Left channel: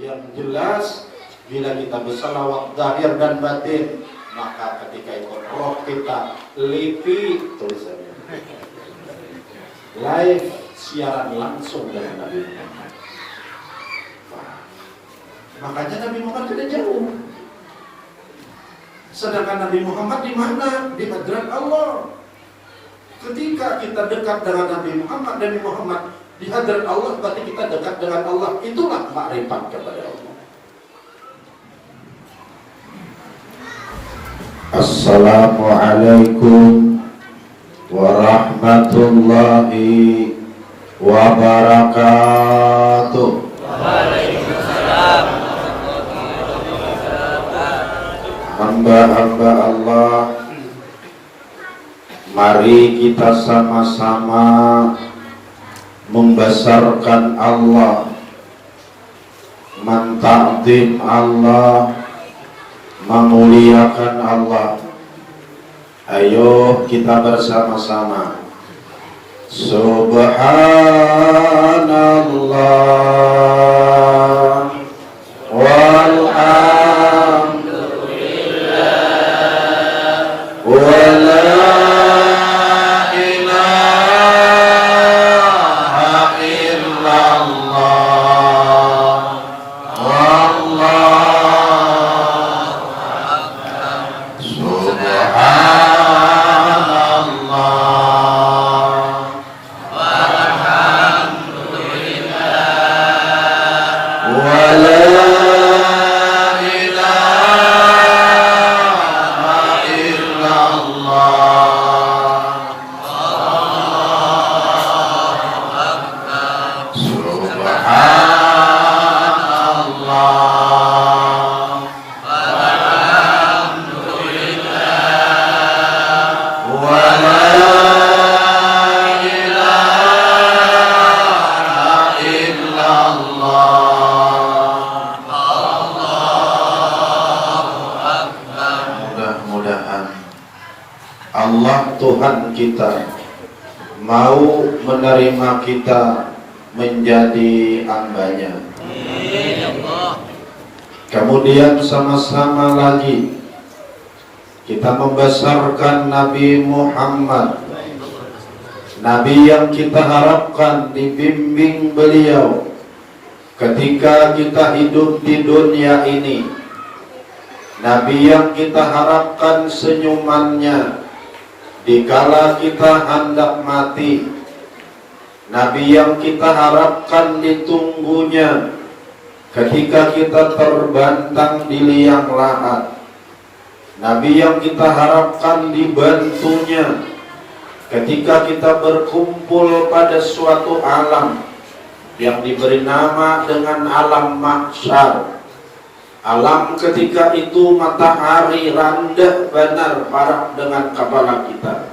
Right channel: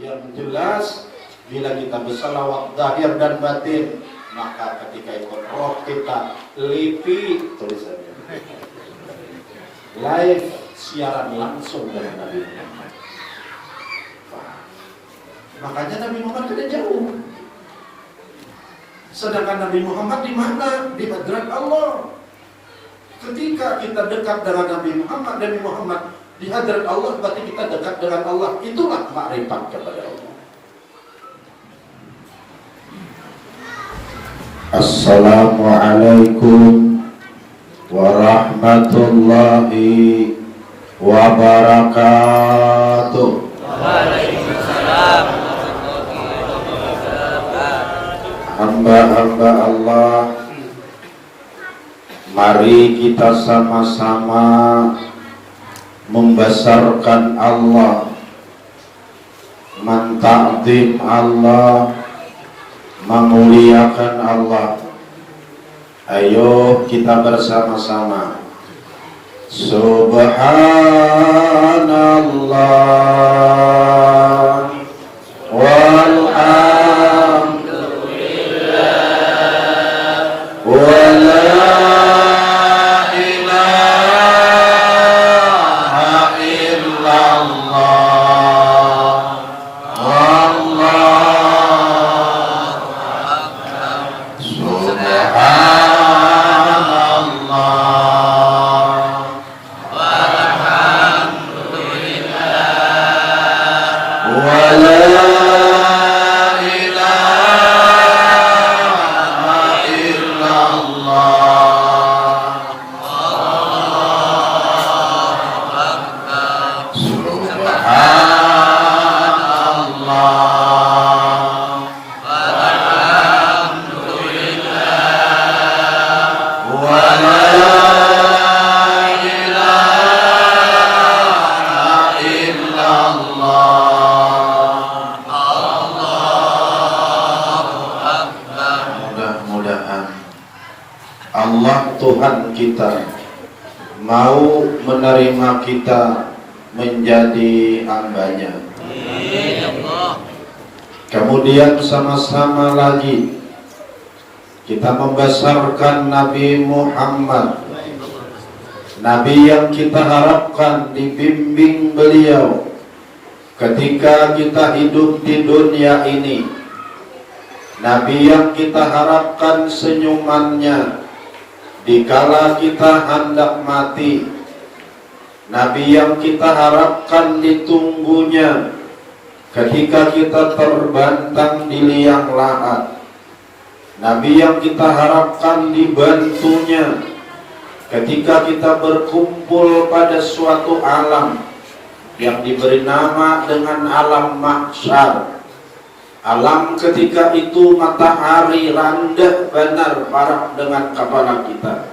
Yang jelas bila kita bersalawat zahir dan batin, maka ketika itu roh kita lipi tulisannya live siaran langsung dari Nabi Muhammad. Makanya Nabi Muhammad tidak jauh. Sedangkan Nabi Muhammad di mana? Di hadrat Allah. Ketika kita dekat dengan Nabi Muhammad, Nabi Muhammad di hadrat Allah, berarti kita dekat dengan Allah. Itulah makrifat kepada Allah. Assalamualaikum warahmatullahi wabarakatuh. Waalaikumsalam. Hamba-hamba Allah, mari kita sama-sama membesarkan Allah, menta'zim Allah, memuliakan Allah. Ayo kita bersama-sama. Subhanallah walhamdulillah wa la ilaha illallah wallahu akbar. Subhanallah walhamdulillah wa la ilaha illallah wallahu akbar. Subhanallah walhamdulillah wa la ilaha illallah. Mudah-mudahan Allah Tuhan kita mau menerima kita menjadi hamba-Nya. Kemudian sama-sama lagi kita membesarkan Nabi Muhammad, Nabi yang kita harapkan dibimbing beliau ketika kita hidup di dunia ini, Nabi yang kita harapkan senyumannya dikala kita hendak mati, Nabi yang kita harapkan ditunggunya ketika kita terbantang di liang lahat, Nabi yang kita harapkan dibantunya ketika kita berkumpul pada suatu alam yang diberi nama dengan alam mahsyar. Alam ketika itu matahari rendah benar parah dengan kepala kita.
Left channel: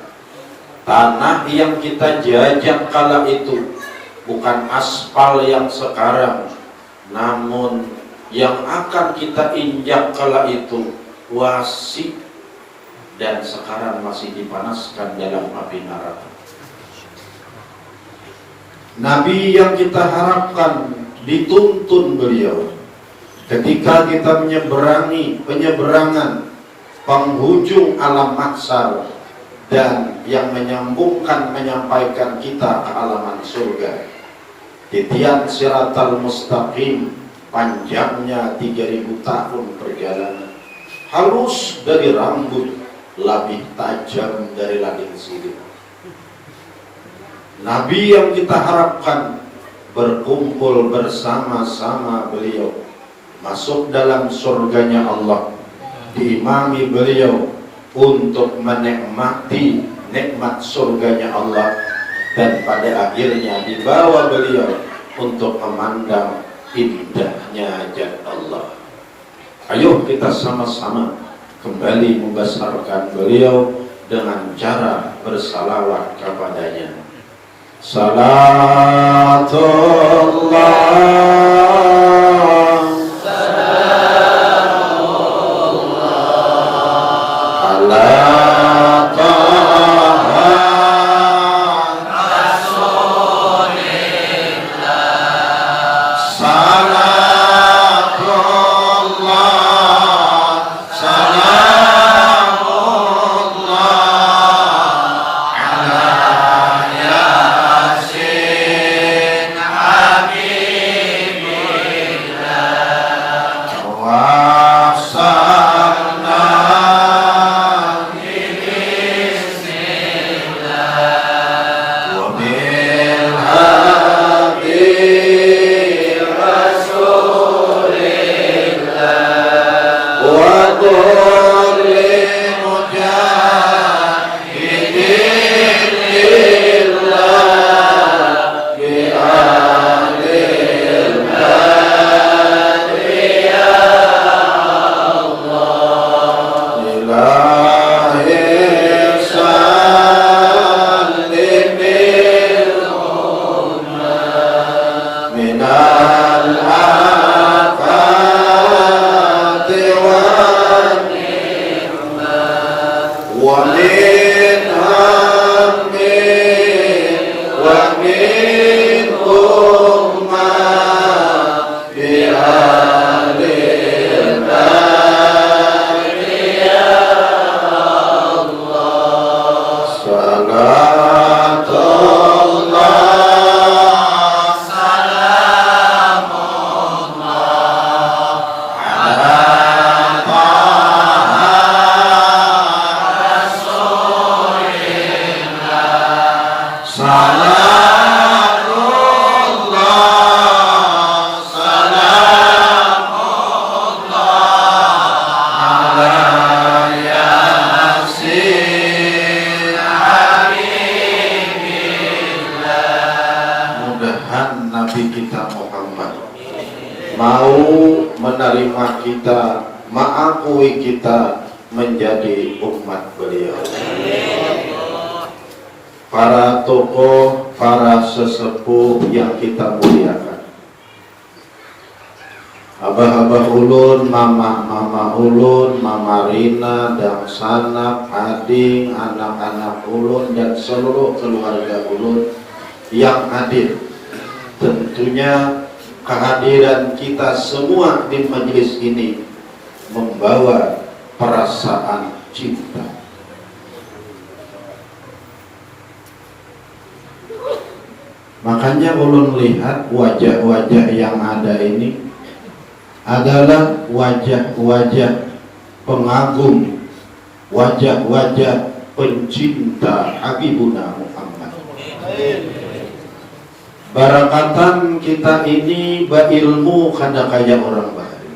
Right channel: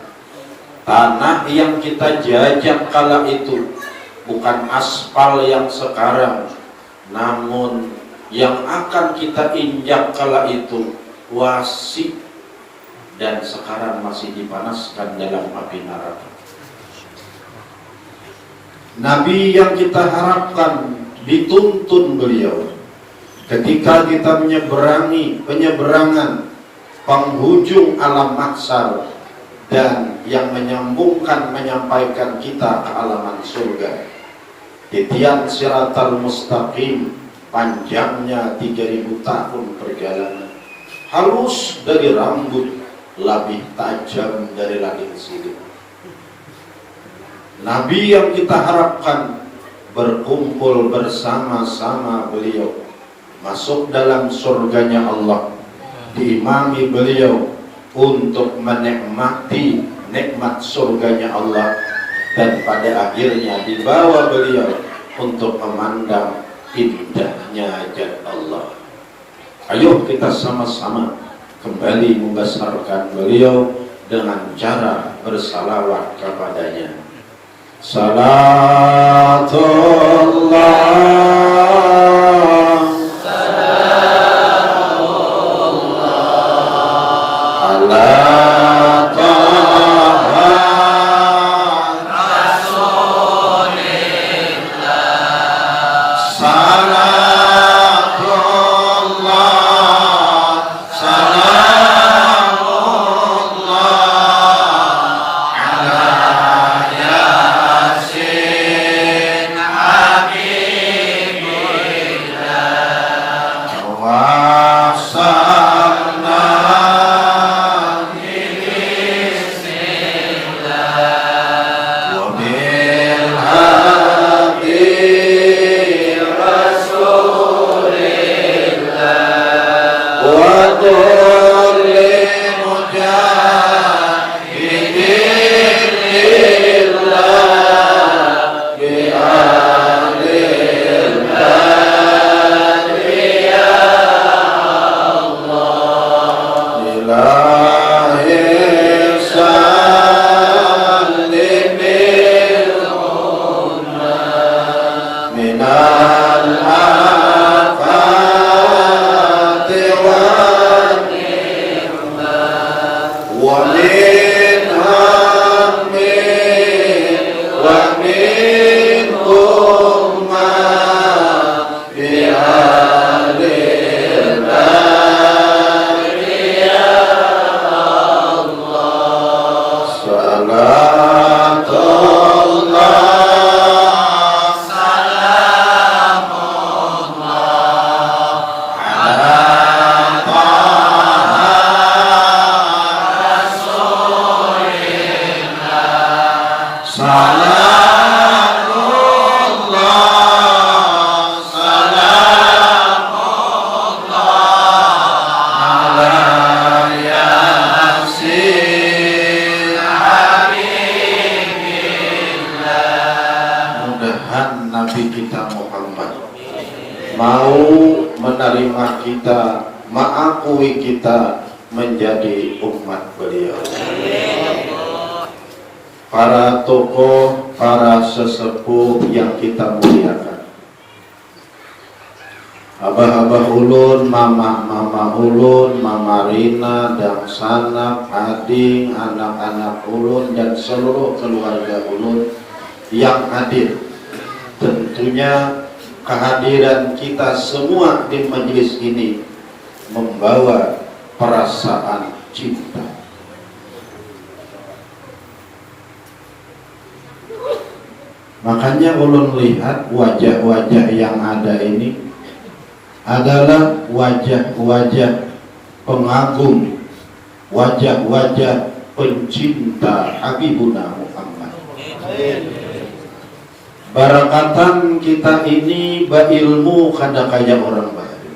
Tanah yang kita jajak kala itu bukan aspal yang sekarang, namun yang akan kita injak kala itu wasi dan sekarang masih dipanaskan dalam api neraka. Nabi yang kita harapkan dituntun beliau ketika kita menyeberangi penyeberangan penghujung alam mahsyar dan yang menyambungkan menyampaikan kita ke alaman surga. Titian siratal mustaqim panjangnya 3000 tahun perjalanan, halus dari rambut, lebih tajam dari langit sidik. Nabi yang kita harapkan berkumpul bersama-sama beliau, masuk dalam surganya Allah, diimami beliau untuk menikmati nikmat surganya Allah, dan pada akhirnya dibawa beliau untuk memandang indahnya hajat Allah. Ayo kita sama-sama kembali membesarkan beliau dengan cara bersalawat kepadanya. Salatullah ala Taha Rasulillah. Salatullah minal afati wal ni'mat wa min hammin wa min umma bi'alil nari ya Allah. Salatullah mau menerima kita, mengakui kita menjadi umat beliau. Para tokoh, para sesepuh yang kita muliakan, abah-abah ulun, mama ulun, mama Rina dan Sanap, Ading, anak-anak ulun dan seluruh keluarga ulun yang hadir. Tentunya kehadiran kita semua di majelis ini membawa perasaan cinta. Makanya ulun lihat wajah-wajah yang ada ini adalah wajah-wajah pengagum, wajah-wajah pencinta Habibuna Muhammad. Barakatan kita ini berilmu kada kaya orang bahari,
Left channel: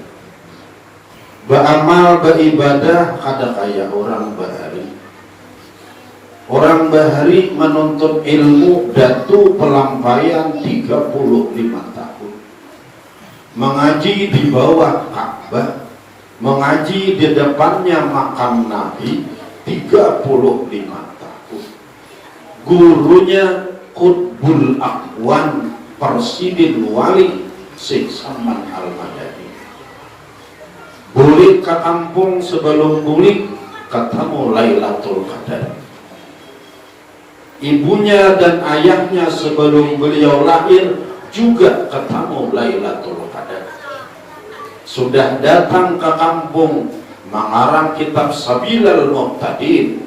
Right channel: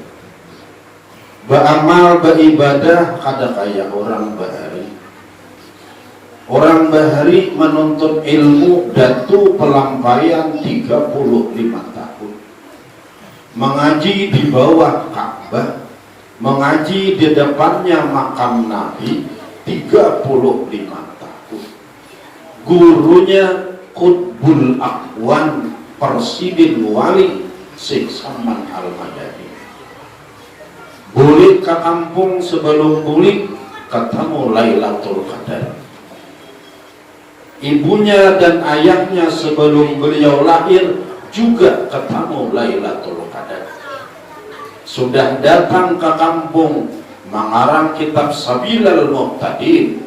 beramal beribadah kada kaya orang bahari. Orang bahari menuntut ilmu datu pelampaian 35 tahun, mengaji di bawah Ka'bah, mengaji di depannya makam Nabi 35 tahun. Gurunya Qutbul Aqwan, Presiden Wali Syekh Salman Al-Madani. Bulik ke kampung, sebelum bulik ketemu Lailatul Qadar. Ibunya dan ayahnya sebelum beliau lahir juga ketemu Lailatul Qadar. Sudah datang ke kampung mengarang kitab Sabilal Muqtadin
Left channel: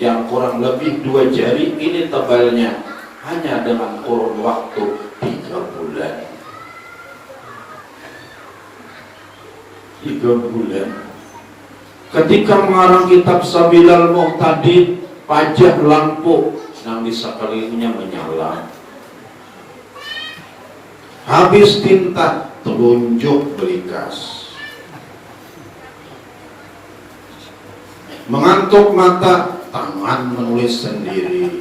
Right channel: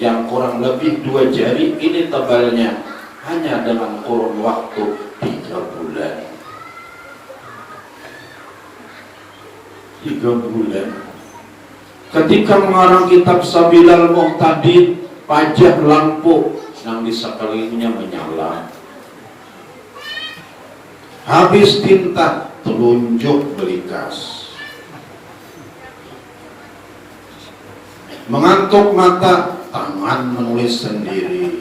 yang kurang lebih 2 jari ini tebalnya, hanya dengan kurun waktu 3 bulan. 3 bulan. Ketika mengarang kitab Sabilal Muqtadin, pajak lampu yang di sekelilingnya menyala. Habis tinta, telunjuk belikas. Mengantuk mata, tangan menulis sendiri.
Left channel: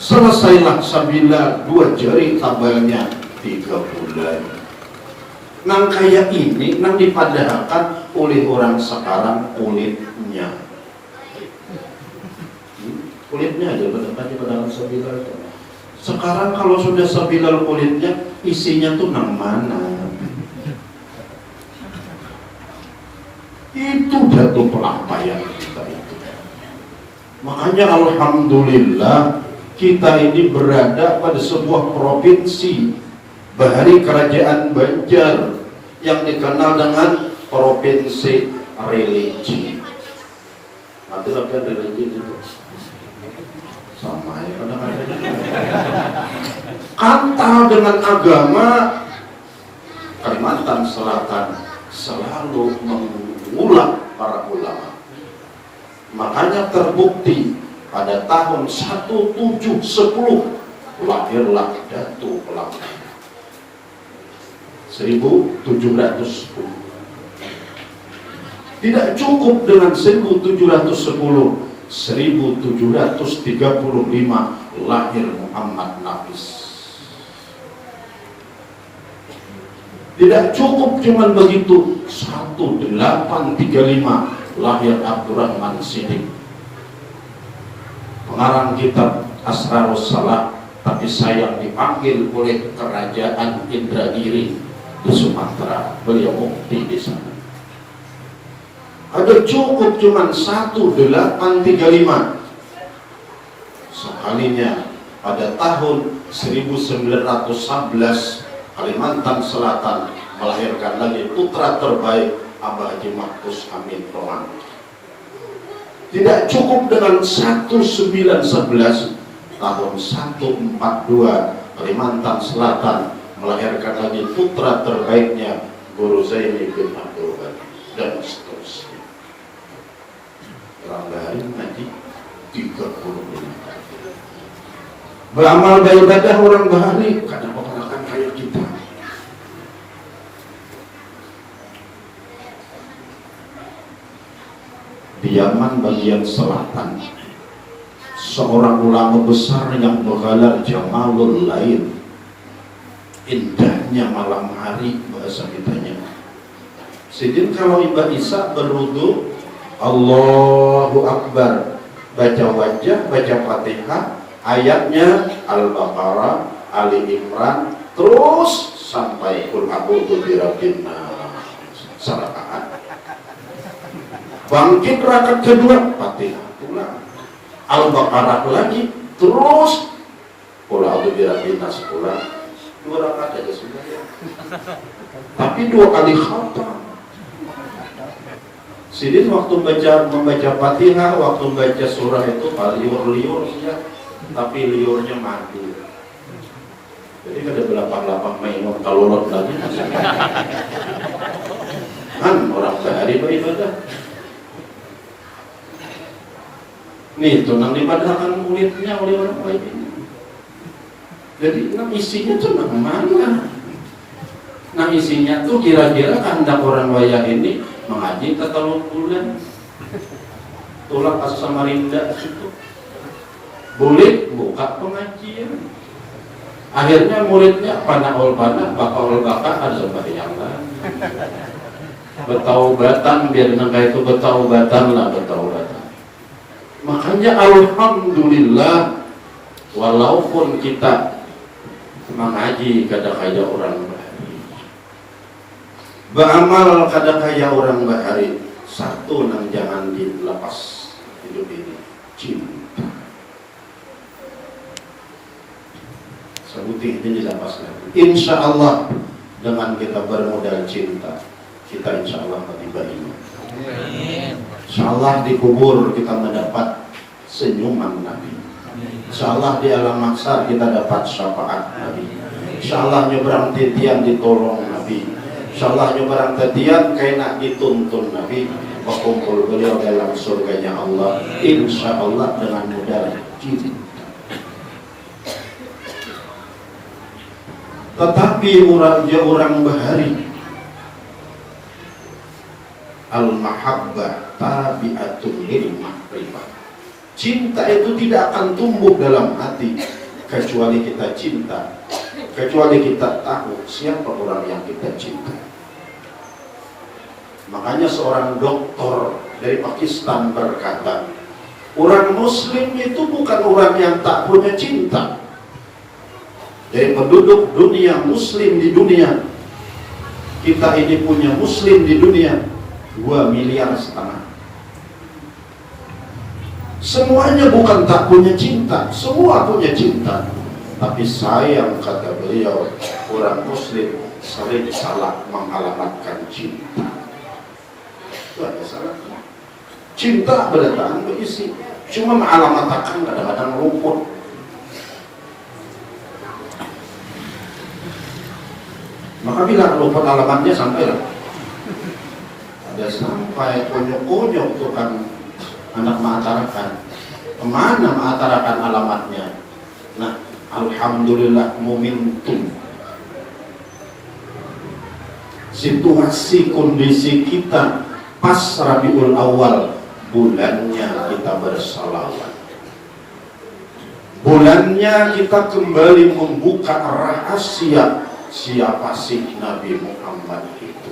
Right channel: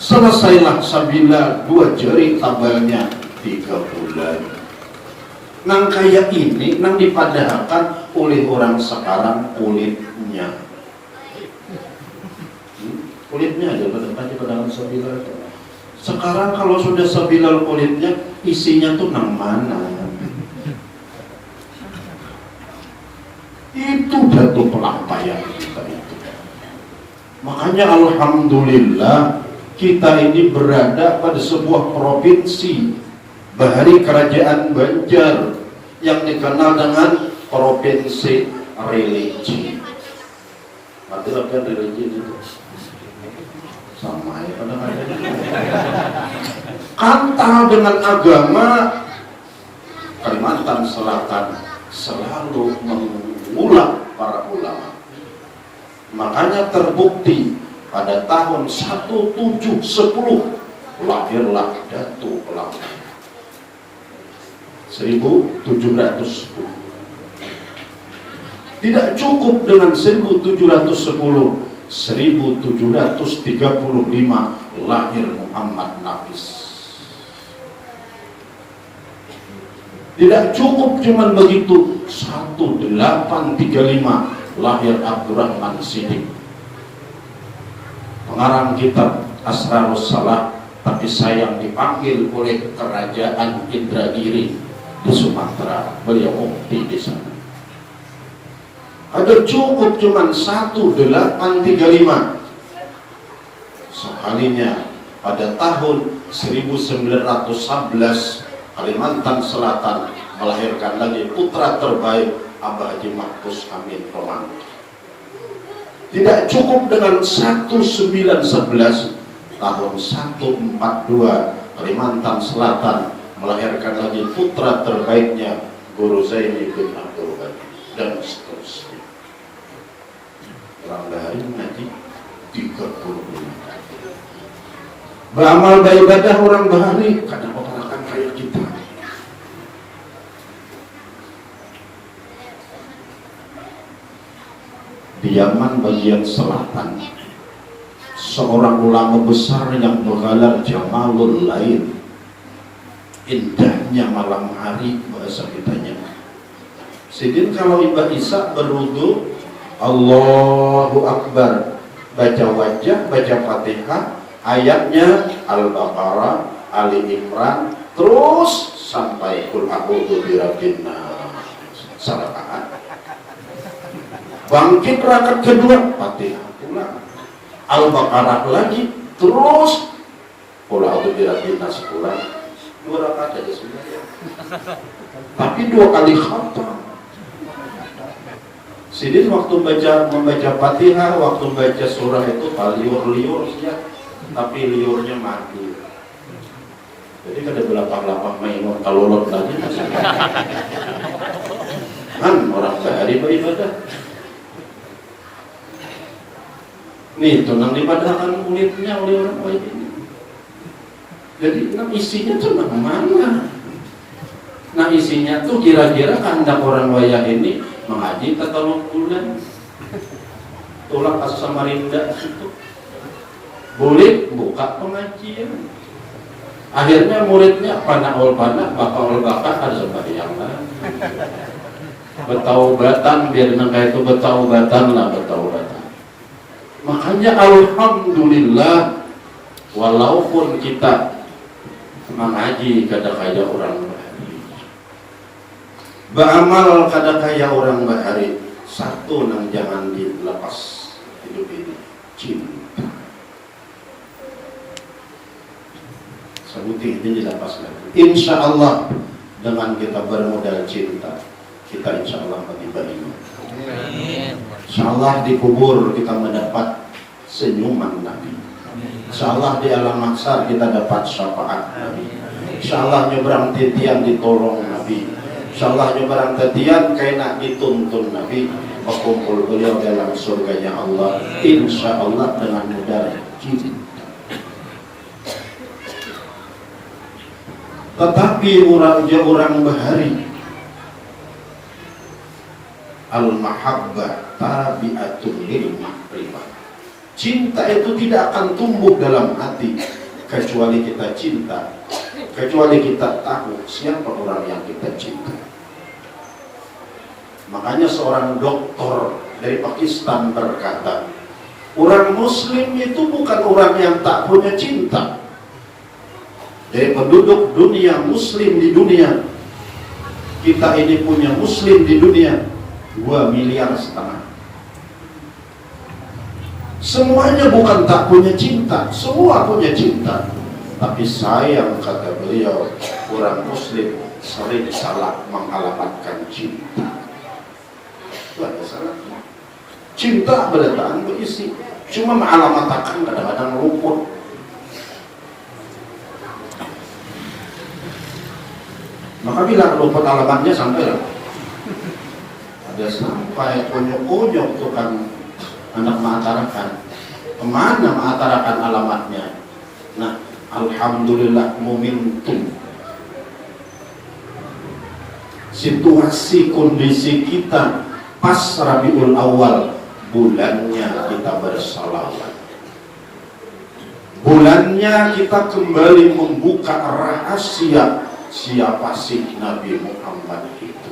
Selesailah Sabila, 2 jari tabalnya 3 bulan. Nang kayak ini, nang dipadahkan oleh orang sekarang kulitnya. Kulitnya ada pada Sabila itu. Sekarang kalau sudah Sabila kulitnya, isinya tuh nang mana? Itu batu pelampaian kita itu. Makanya alhamdulillah kita ini berada pada sebuah provinsi bahari kerajaan Banjar yang dikenal dengan provinsi religi. Nanti apa religi itu? Sama ya, kata dengan agama Kalimantan Selatan selalu mengulang para ulama. Makanya terbukti pada tahun 1710 lahirlah Datuk Pelanggan 1710. Tidak cukup dengan 1710, 1735 lahir Muhammad Nafis. Tidak cukup cuman begitu, 1835 lahir Abdurrahman Siddiq, pengarang kitab Asrarus Salat, tapi saya dipanggil oleh kerajaan Indragiri di Sumatera, beliau mufti di sana. Ada cukup cuman 1835. Sekalinya pada tahun 1911 Kalimantan Selatan melahirkan lagi putra terbaik Abah Haji Mahfuz Amin Roman. Tidak cukup dengan 1911, tahun 142 Kalimantan Selatan melahirkan lagi putra terbaiknya Guru Zaini bin Abdul Ghani, dan seterusnya. Orang Bahari ngaji 30 tahun. Beramal beribadah orang Bahari karena orang kayak kita. Di Yaman bagian selatan, seorang ulama besar yang menggelar Jamalul Lail, indahnya malam hari bahasa kitanya. Sedin kalau Mbak Isa berwudu, Allahu Akbar, baca wajah, baca Fatihah, ayatnya Al-Baqarah, Ali Imran, terus sampai Qul a'udzu birabbin nas, salat. Bangkit rakaat kedua, Fatihah ulang, Al-Baqarah lagi, terus Qul a'udzu birabbin nas ulang. 2 rakaat aja sudah ya. Tapi 2 kali khatam. Sidin waktu membaca Fatihah, waktu baca surah itu liur-liur saja, tapi liurnya madu. Jadi ada belakang-belakang mainan kalorot lagi masih. Kan orang Bahari beribadah. Nih, tunang dibadahkan kulitnya oleh orang baik ini. Jadi, isinya tuh mana? Nah, isinya tuh kira-kira kandak orang wayah ini mengaji tatalung bulan. Tulang pas Samarinda itu. Boleh buka pengajian. Akhirnya muridnya panahul panah, bakal bakal ada sembahyang kan. Betaubatan, biar nengah itu betaubatan lah, betaubatan. Makanya alhamdulillah, walaupun kita mengaji kadang-kadang orang Bahari, beramal kadang-kadang orang Bahari, satu yang jangan dilepas hidup ini, cinta. Sebutin ini dilepas lagi. Insya Allah dengan kita bermodal cinta, kita insya Allah mati baik. InsyaAllah di kubur kita mendapat senyuman Nabi. InsyaAllah di alam mahsyar kita dapat syafaat Nabi. InsyaAllah nyebrang titian ditolong Nabi. InsyaAllah nyebrang titian kena dituntun Nabi. Berkumpul beliau dalam surganya Allah. InsyaAllah dengan modal cinta. Tetapi orang Bahari, al-mahabbah tabi'atun lil mahrifah. Cinta itu tidak akan tumbuh dalam hati kecuali kita cinta, kecuali kita tahu siapa orang yang kita cinta. Makanya seorang doktor dari Pakistan berkata, orang muslim itu bukan orang yang tak punya cinta. Dari penduduk dunia muslim di dunia, kita ini punya muslim di dunia 2,5 miliar. Semuanya bukan tak punya cinta, semua punya cinta. Tapi sayang, kata beliau, orang muslim sering salah mengalamatkan cinta. Itu ada salahnya. Cinta berdatangan berisi, cuma mengalamatkan kadang-kadang luput. Maka bila luput alamatnya sampai ada sampai unyuk-unyuk tukang anak mengatakan kemana mengatakan alamatnya. Nah, alhamdulillah momentum situasi kondisi kita pas Rabiul Awal, bulannya kita bersalawat, bulannya kita kembali membuka rahasia siapa sih Nabi Muhammad itu.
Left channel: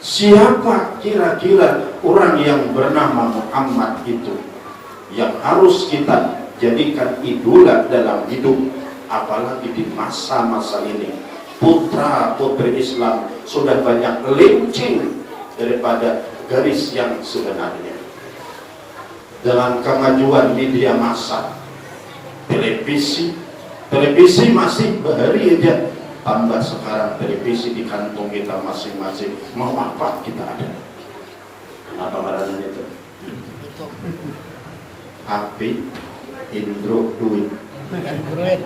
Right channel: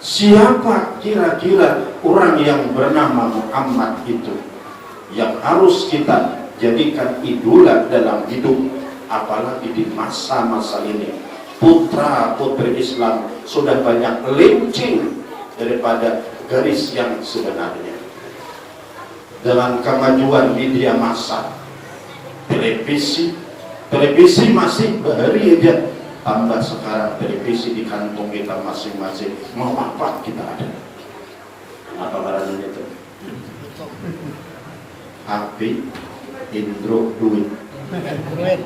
Siapa kira-kira orang yang bernama Muhammad itu yang harus kita jadikan idola dalam hidup, apalagi di masa-masa ini. Putra putri Islam sudah banyak lencing daripada garis yang sebenarnya. Dalam kemajuan media massa, televisi masih bahari aja. Tambah sekarang televisi di kantong kita masing-masing. Mau apa kita ada? Kenapa marahnya itu? HP, Indro, duit. Android.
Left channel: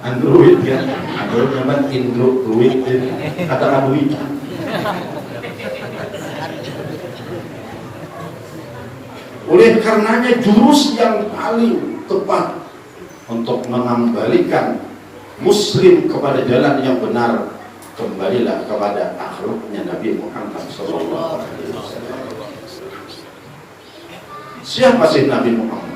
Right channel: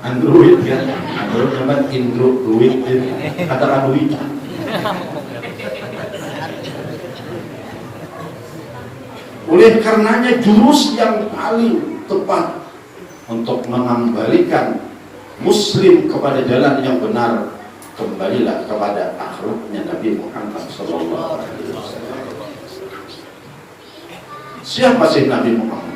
Android kan? Android namanya Indro, duit. Kata duit. Oleh karenanya jurus yang paling tepat untuk mengembalikan Muslim kepada jalan yang benar, kembalilah kepada akhlaknya Nabi Muhammad SAW. Siapa sih Nabi Muhammad?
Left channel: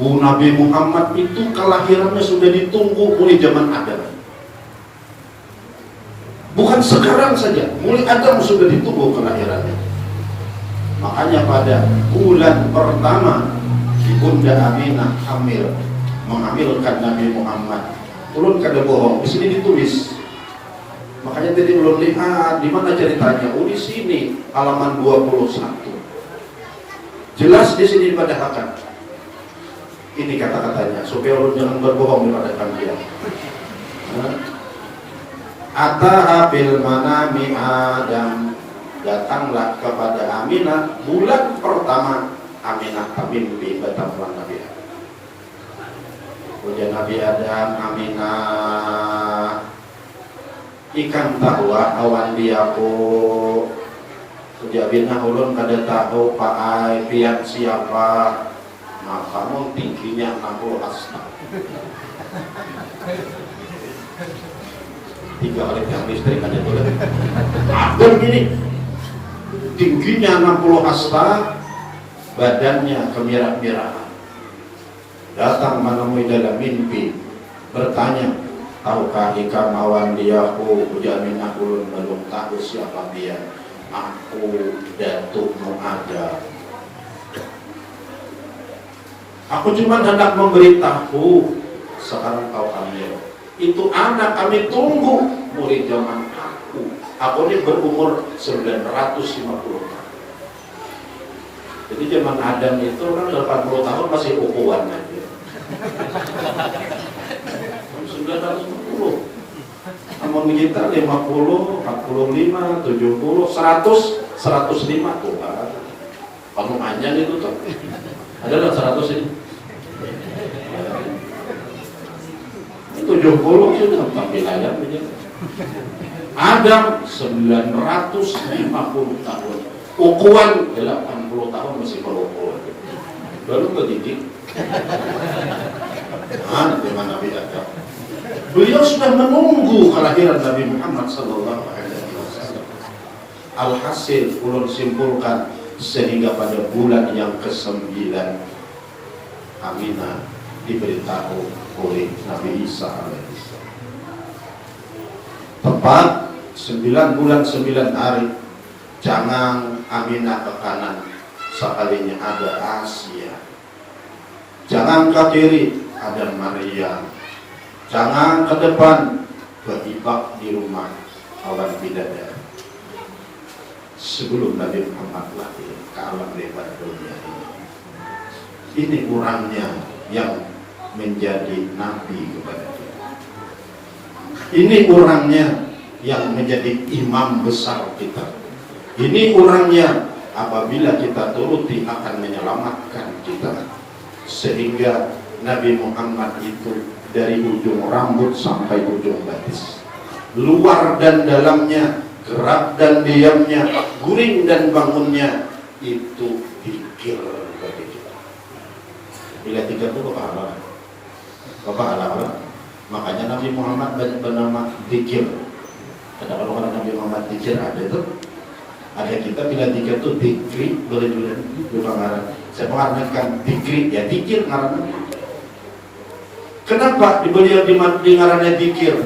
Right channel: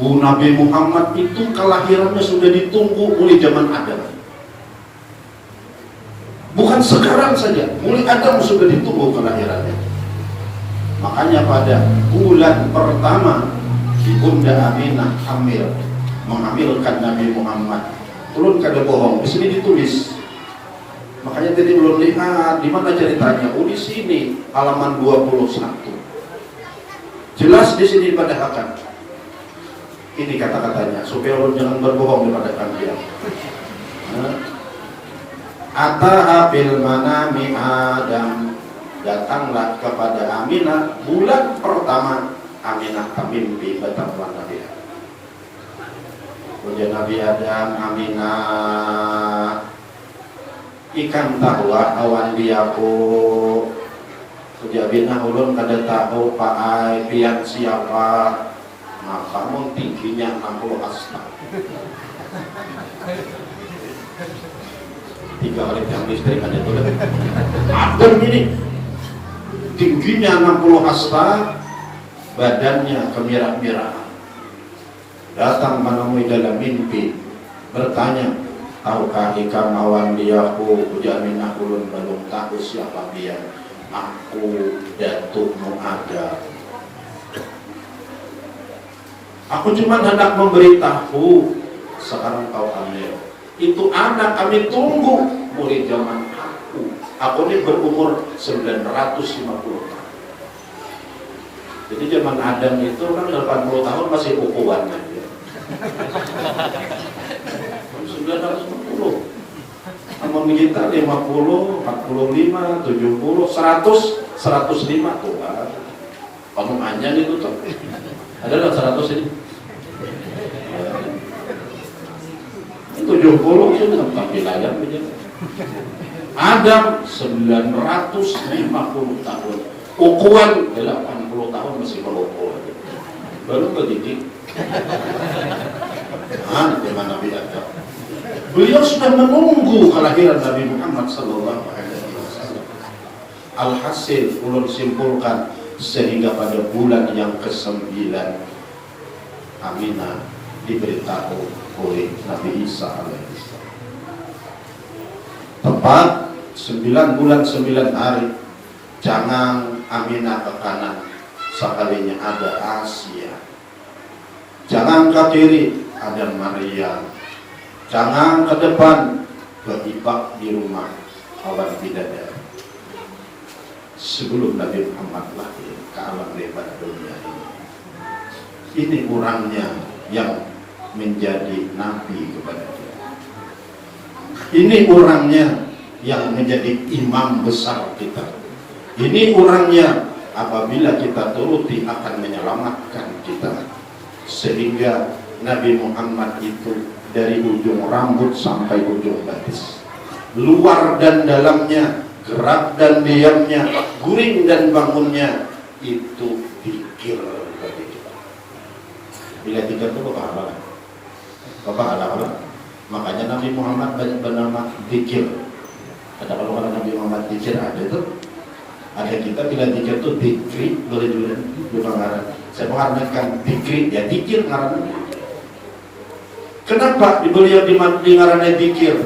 Nabi Muhammad itu kelahirannya sudah ditunggu mulai zaman Adam. Bukan sekarang saja, mulai Adam sudah ditunggu kelahirannya. Makanya pada bulan pertama Ibunda Aminah hamil, menghamilkan Nabi Muhammad. Belum kada bohong, di sini ditulis. Makanya tadi belum lihat di mana ceritanya. Oh, di sini halaman 21. Jelas di sini pada akan. Ini kata-katanya supaya orang jangan berbohong pada kalian. Ataha bil manami Adam, datanglah kepada Aminah bulan pertama. Aminah mimpi betapa Nabi Adam. Kemudian Nabi Adam, Aminah ikan tahu awan diaku. Kemudian ulun kada tahu Pak Ai pihak siapa. Nah, kamu tingginya 60 hasta. 3 kali jam listrik ada juga. Adam ini tingginya 60 hasta, badannya kemirah-mirah. Datang menemui dalam mimpi, bertanya, tahukah ikam awan diaku? Ujaminah ulun belum tahu siapa dia. Aku datukmu ada. Aku cuma hendak memberitahu, sekarang kau hamil. Itu anak kami tunggu mulai zaman aku. Aku ini berumur 950 tahun. Jadi zaman Adam itu kan 80 tahun masih ukuran kan. 910. Sama kita 50, 45, 70, 100, 105 tuh. Kamu hanya itu tuh. Ada lah 100 ini. 70 sudah tampil Adam begitu. Adam 950 tahun. Ukuran 80 tahun masih berumur. Baru begini. Nanti mana beda. Beliau sudah menunggu kelahiran Nabi Muhammad SAW. Alhasil ulun simpulkan sehingga pada bulan yang ke-9 Aminah diberitahu oleh Nabi Isa alaihissalam. Tepat 9 bulan 9 hari, jangan Aminah ke kanan, sekalinya ada Asia. Jangan ke kiri, ada Maryam. Jangan ke depan, beribak di rumah orang bidadari. Sebelum Nabi Muhammad lahir ke alam lebar dunia ini. Ini kurangnya yang menjadi nabi kepada kita. Ini orangnya yang menjadi imam besar kita. Ini orangnya apabila kita turuti akan menyelamatkan kita. Sehingga Nabi Muhammad itu dari ujung rambut sampai ujung batis, luar dan dalamnya, gerak dan diamnya, guring dan bangunnya, itu zikir bagi kita. Bila zikir itu pahala. Makanya Nabi Muhammad banyak bernama zikir. Ada kalau Nabi Muhammad zikir ada tuh. Ada kita bila zikir itu zikri, boleh dulu marah. Saya mengartikan zikri, ya zikir ngarannya. Kenapa beliau di ngarannya zikir?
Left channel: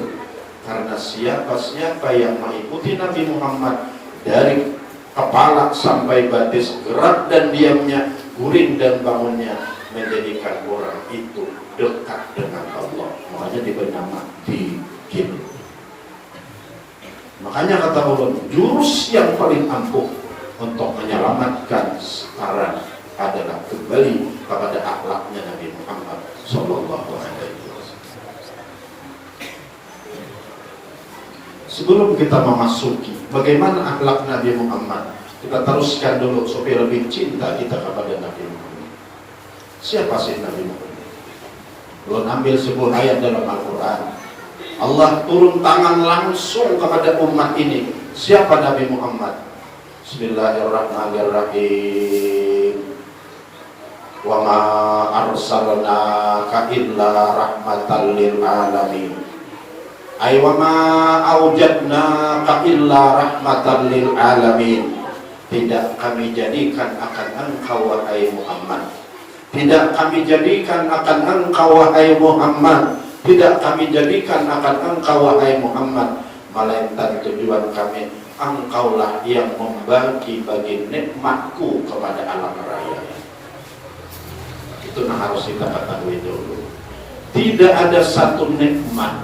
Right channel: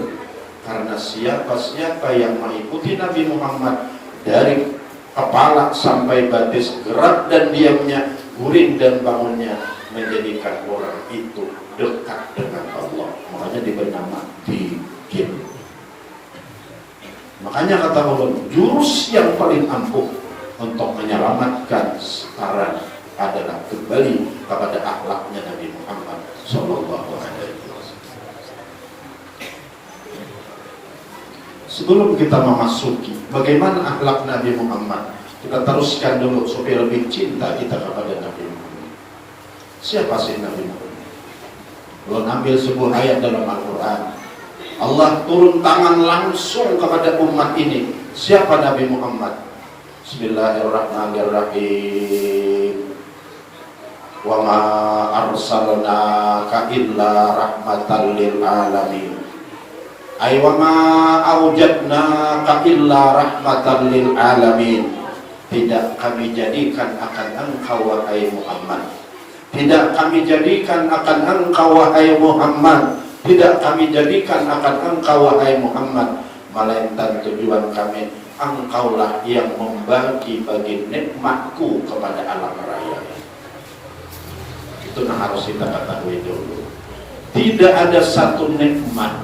Karena siapa yang mengikuti Nabi Muhammad dari kepala sampai batis, gerak dan diamnya, guring dan bangunnya menjadikan orang itu dekat dengan Allah. Makanya diberi nama dikir. Makanya kata ulama, jurus yang paling ampuh untuk menyelamatkan sekarang adalah kembali kepada akhlaknya Nabi Muhammad Sallallahu Alaihi Wasallam. Sebelum kita memasuki bagaimana akhlak Nabi Muhammad, kita teruskan dulu supaya lebih cinta kita kepada Nabi Muhammad. Siapa sih Nabi Muhammad? Belum ambil sebuah ayat dalam Al-Quran. Allah turun tangan langsung kepada umat ini. Siapa Nabi Muhammad? Bismillahirrahmanirrahim. Wa ma arsalnaka illa rahmatan lil alamin. Ay wa ma awjadnaka illa rahmatan lil alamin. Tidak kami jadikan akan engkau wahai Muhammad. Tidak kami jadikan akan engkau wahai Muhammad. Tidak kami jadikan akan engkau wahai Muhammad, melainkan tujuan kami engkaulah yang membagi-bagi nikmatku kepada alam raya. Itu yang harus kita ketahui dulu. Tidak ada satu nikmat,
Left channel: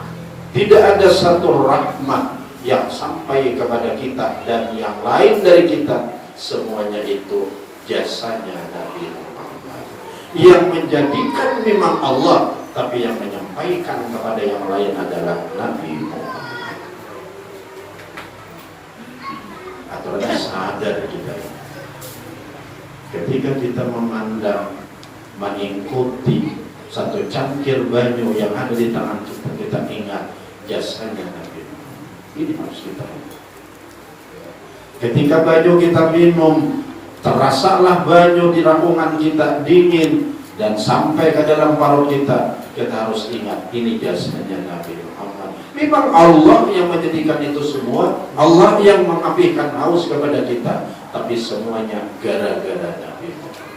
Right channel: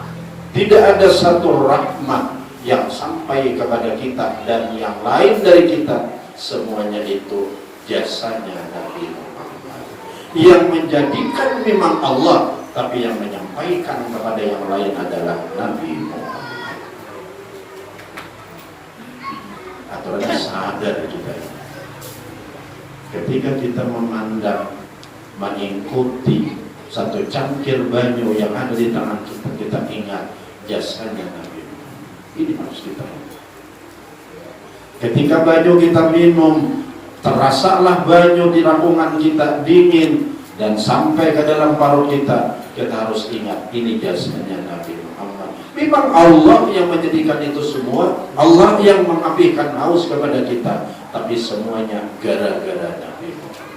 tidak ada satu rahmat yang sampai kepada kita dan yang lain dari kita, semuanya itu jasanya Nabi Muhammad. Yang menjadikan memang Allah, tapi yang menyampaikan kepada yang lain adalah Nabi Muhammad. Aturannya sadar kita. Ketika kita memandang, mengikuti satu cangkir banyu yang ada di tangan kita, kita ingat jasanya Nabi Muhammad. Ini harus kita lakukan. Ketika banyu kita minum, terasalah banyu di lambungan kita dingin dan sampai ke dalam perut kita, kita harus ingat ini jasanya Nabi Muhammad. Memang Allah yang menjadikan itu semua, Allah yang mengapikan haus kepada kita, tapi semuanya gara-gara Nabi Muhammad.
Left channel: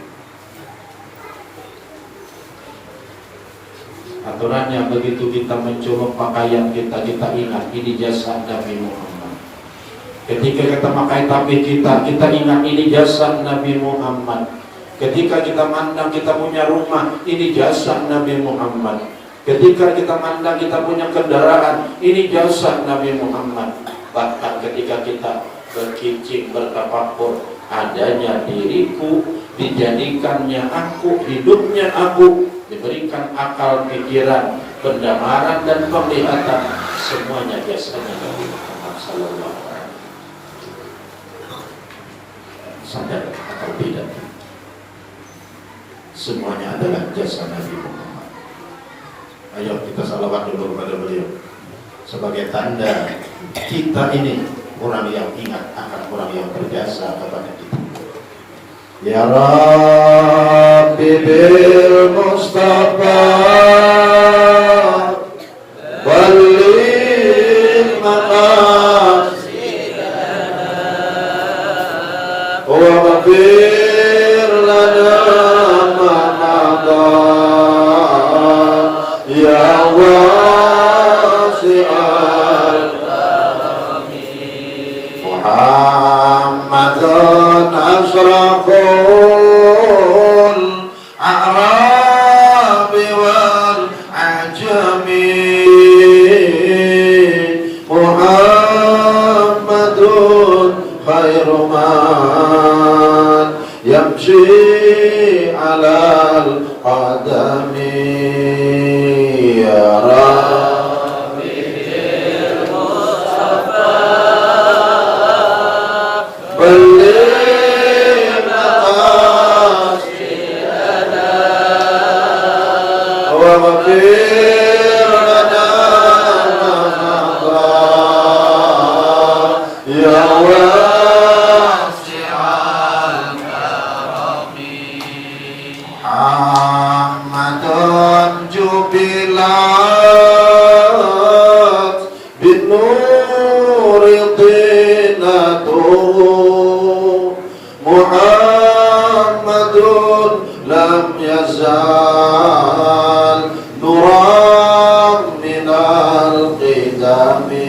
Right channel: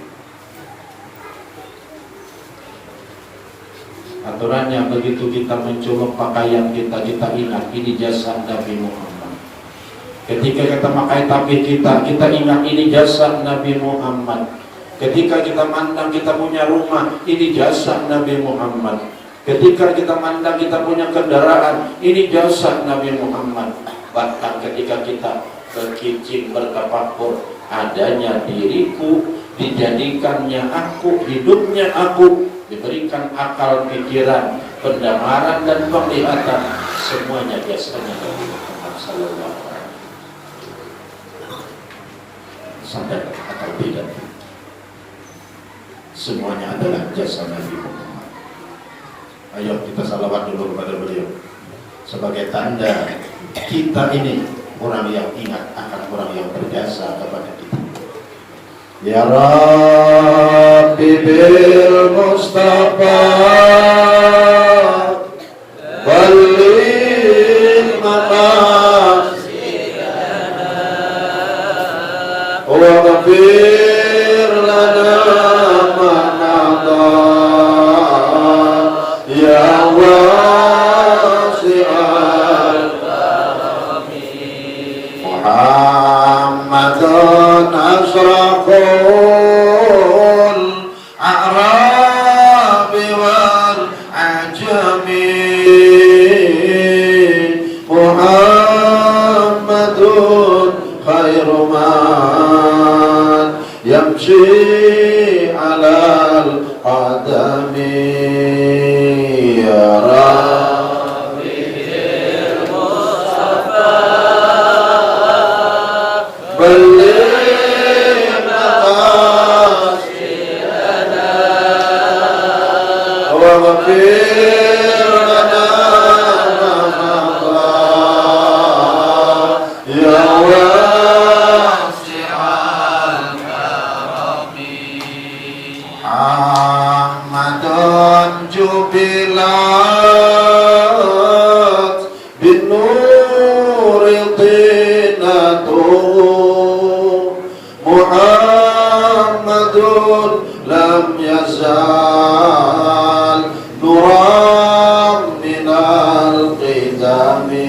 Aturannya begitu kita mencolok pakaian kita, kita ingat ini jasa Nabi Muhammad. Ketika kita pakai tapis kita ingat ini jasa Nabi Muhammad. Ketika kita mandang kita punya rumah, ini jasa Nabi Muhammad. Ketika kita mandang kita punya kendaraan, ini jasa Nabi Muhammad. Bahkan ketika kita berkicik, bertafakur, adanya diriku, dijadikannya aku, hidupnya aku, diberikan akal, pikiran, pendengaran dan penglihatan, semuanya jasanya Nabi Muhammad Sallallahu Alaihi Wasallam. Sadar atau tidak, semuanya adalah jasa Nabi Muhammad. Ayo kita salawat dulu kepada beliau sebagai tanda kita ini orang yang ingat akan orang yang berjasa kepada kita. Ya Rabbi bil Mustafa balligh maqasidana wa ghfir lana ma madha ya wasi'al Muhammadan asraqul a'rabi wal ajami Muhammadun khairu man yamshi alal qadami ya Rabbi Mustafa balligh maqasidana wa ghfir lana ma madha ya wasi'al karami Ahmadun jubilat bin nuri tinatuh Muhammadun lam yazal nuram minal qidami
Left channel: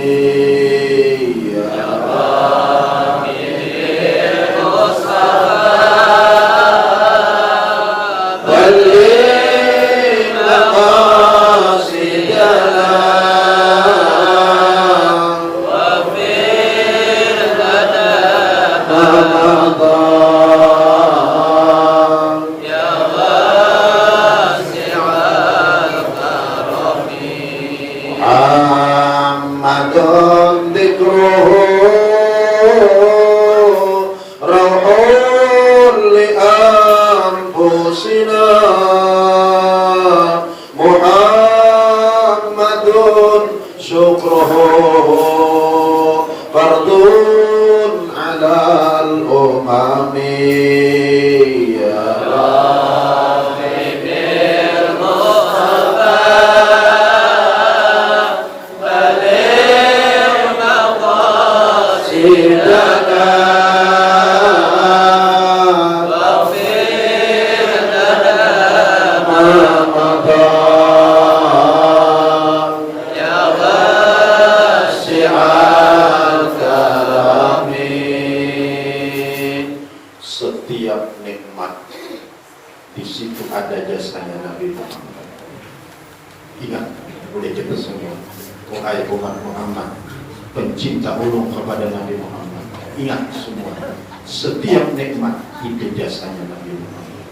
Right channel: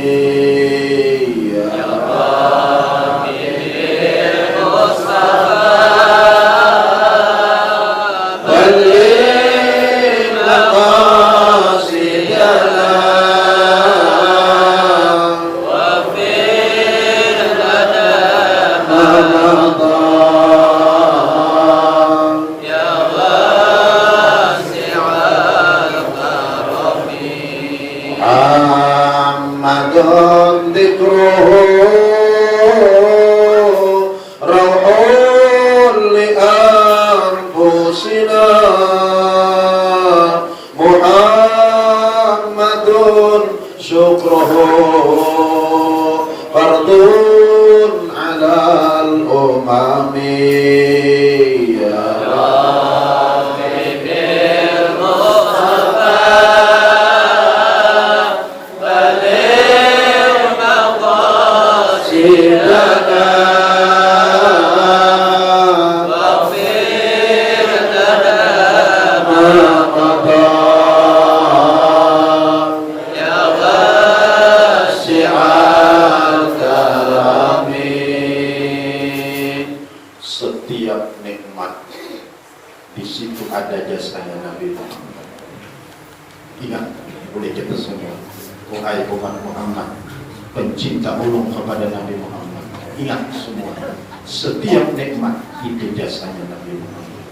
ya Rabbi Mustafa syukruhu fardun alal umami ya setiap nikmat di situ ada jasanya Nabi Muhammad. Ingat, boleh kita semua, wahai umat Muhammad, pencinta ulung kepada Nabi Muhammad. Ingat semua, setiap nikmat itu jasanya Nabi Muhammad.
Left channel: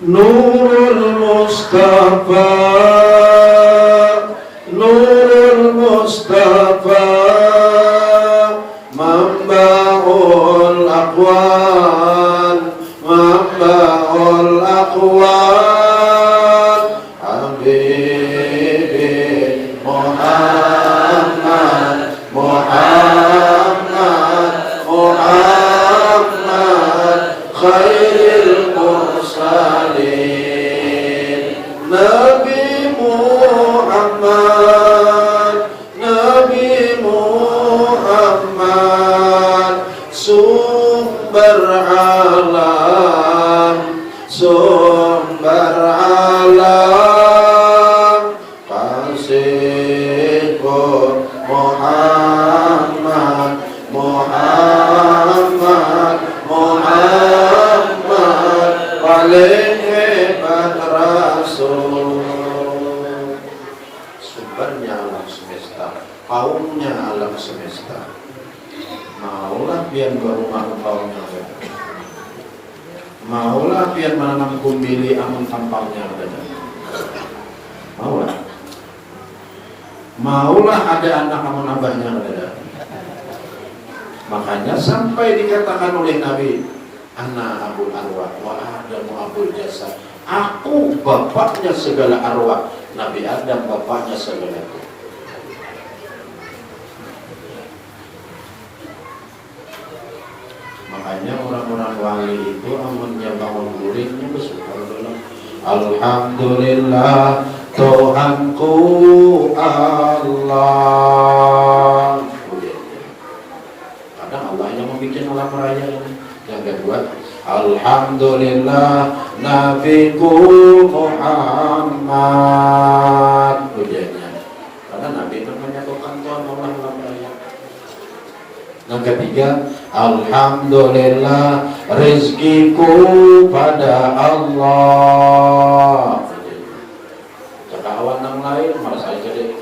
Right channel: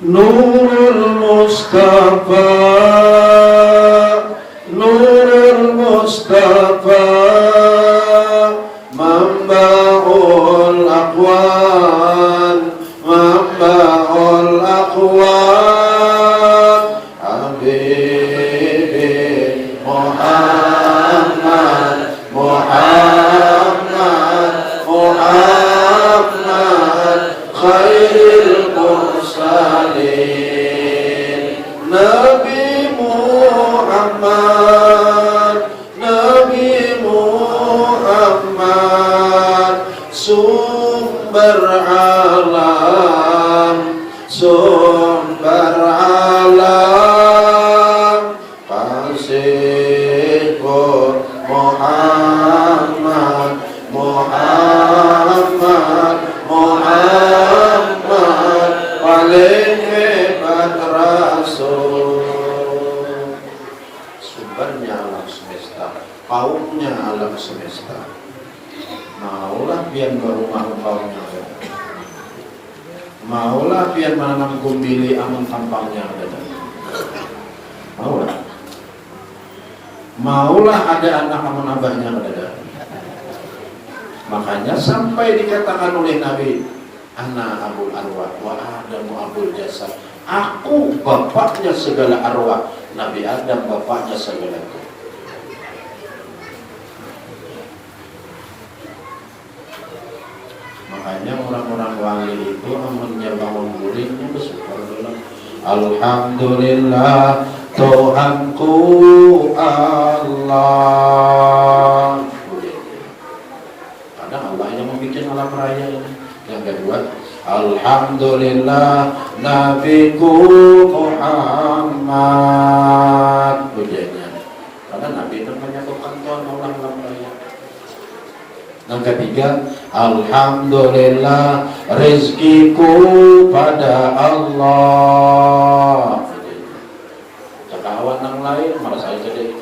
Nurul Mustafa, Nurul Mustafa, Mamba'ul Aqwan, Mamba'ul Aqwan, Habibi Muhammad, Muhammad, Muhammad, Khairil Mursalin, Nabi Muhammad, Nabi Muhammad, sumber alam, sumber alam, kasihku Muhammad, Muhammad, Muhammad, paling hebat Rasul. Sumbernya alam semesta, paungnya alam semesta. Maulah pian berumah paungnya ada. Maulah pian menanam kumbili amun tampangnya ada. Maulah. Maulah ada anak amun abahnya ada. Makanya sampai dikatakan oleh Nabi, Ana Abul Arwah wa Adamu Abul Jasad. Aku bapaknya segala arwah. Nabi Adam bapaknya segala itu. Makanya orang-orang wali itu menyembah muridnya subhanallah. Alhamdulillah Tuhanku Allah. Kadang Allah yang membuat alam raya ini. Yang kedua, Alhamdulillah Nabiku Muhammad. Pujiannya. Karena Nabi itu menyatukan alam raya. Yang ketiga, Alhamdulillah rezekiku pada Allah. Cakawan yang lain merasa jadi.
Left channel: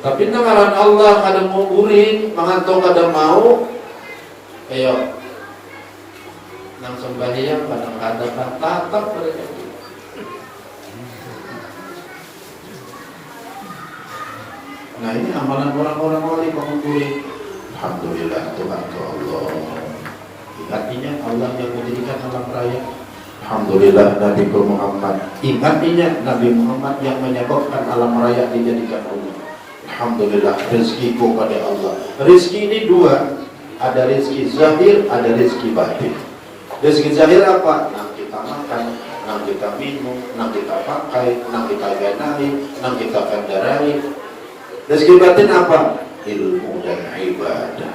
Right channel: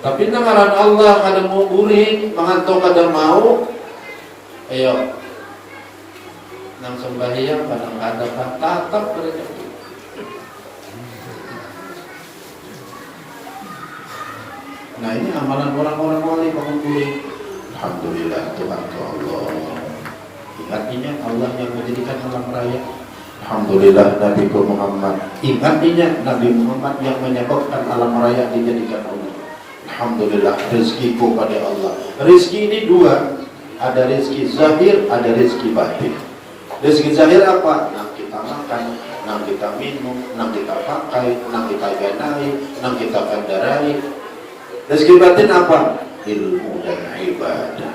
Tapi nangaran Allah ada mau urin, mengantuk ada mau. Ayo, nang sembahyang pada ada tatap mereka. Nah ini amalan orang-orang wali mengumpuli. Alhamdulillah Tuhan Allah. Ingatnya Allah yang menjadikan alam raya. Alhamdulillah Nabi Muhammad. Ingatnya Nabi Muhammad yang menyebabkan alam raya dijadikan Allah. Alhamdulillah rezekiku pada Allah. Rezeki ini dua. Ada rezeki zahir, ada rezeki batin. Rezeki zahir apa? Nah kita makan, nah kita minum, nah kita pakai, nah kita ganai, nah kita kandarai. Rezeki batin apa? Ilmu dan ibadah.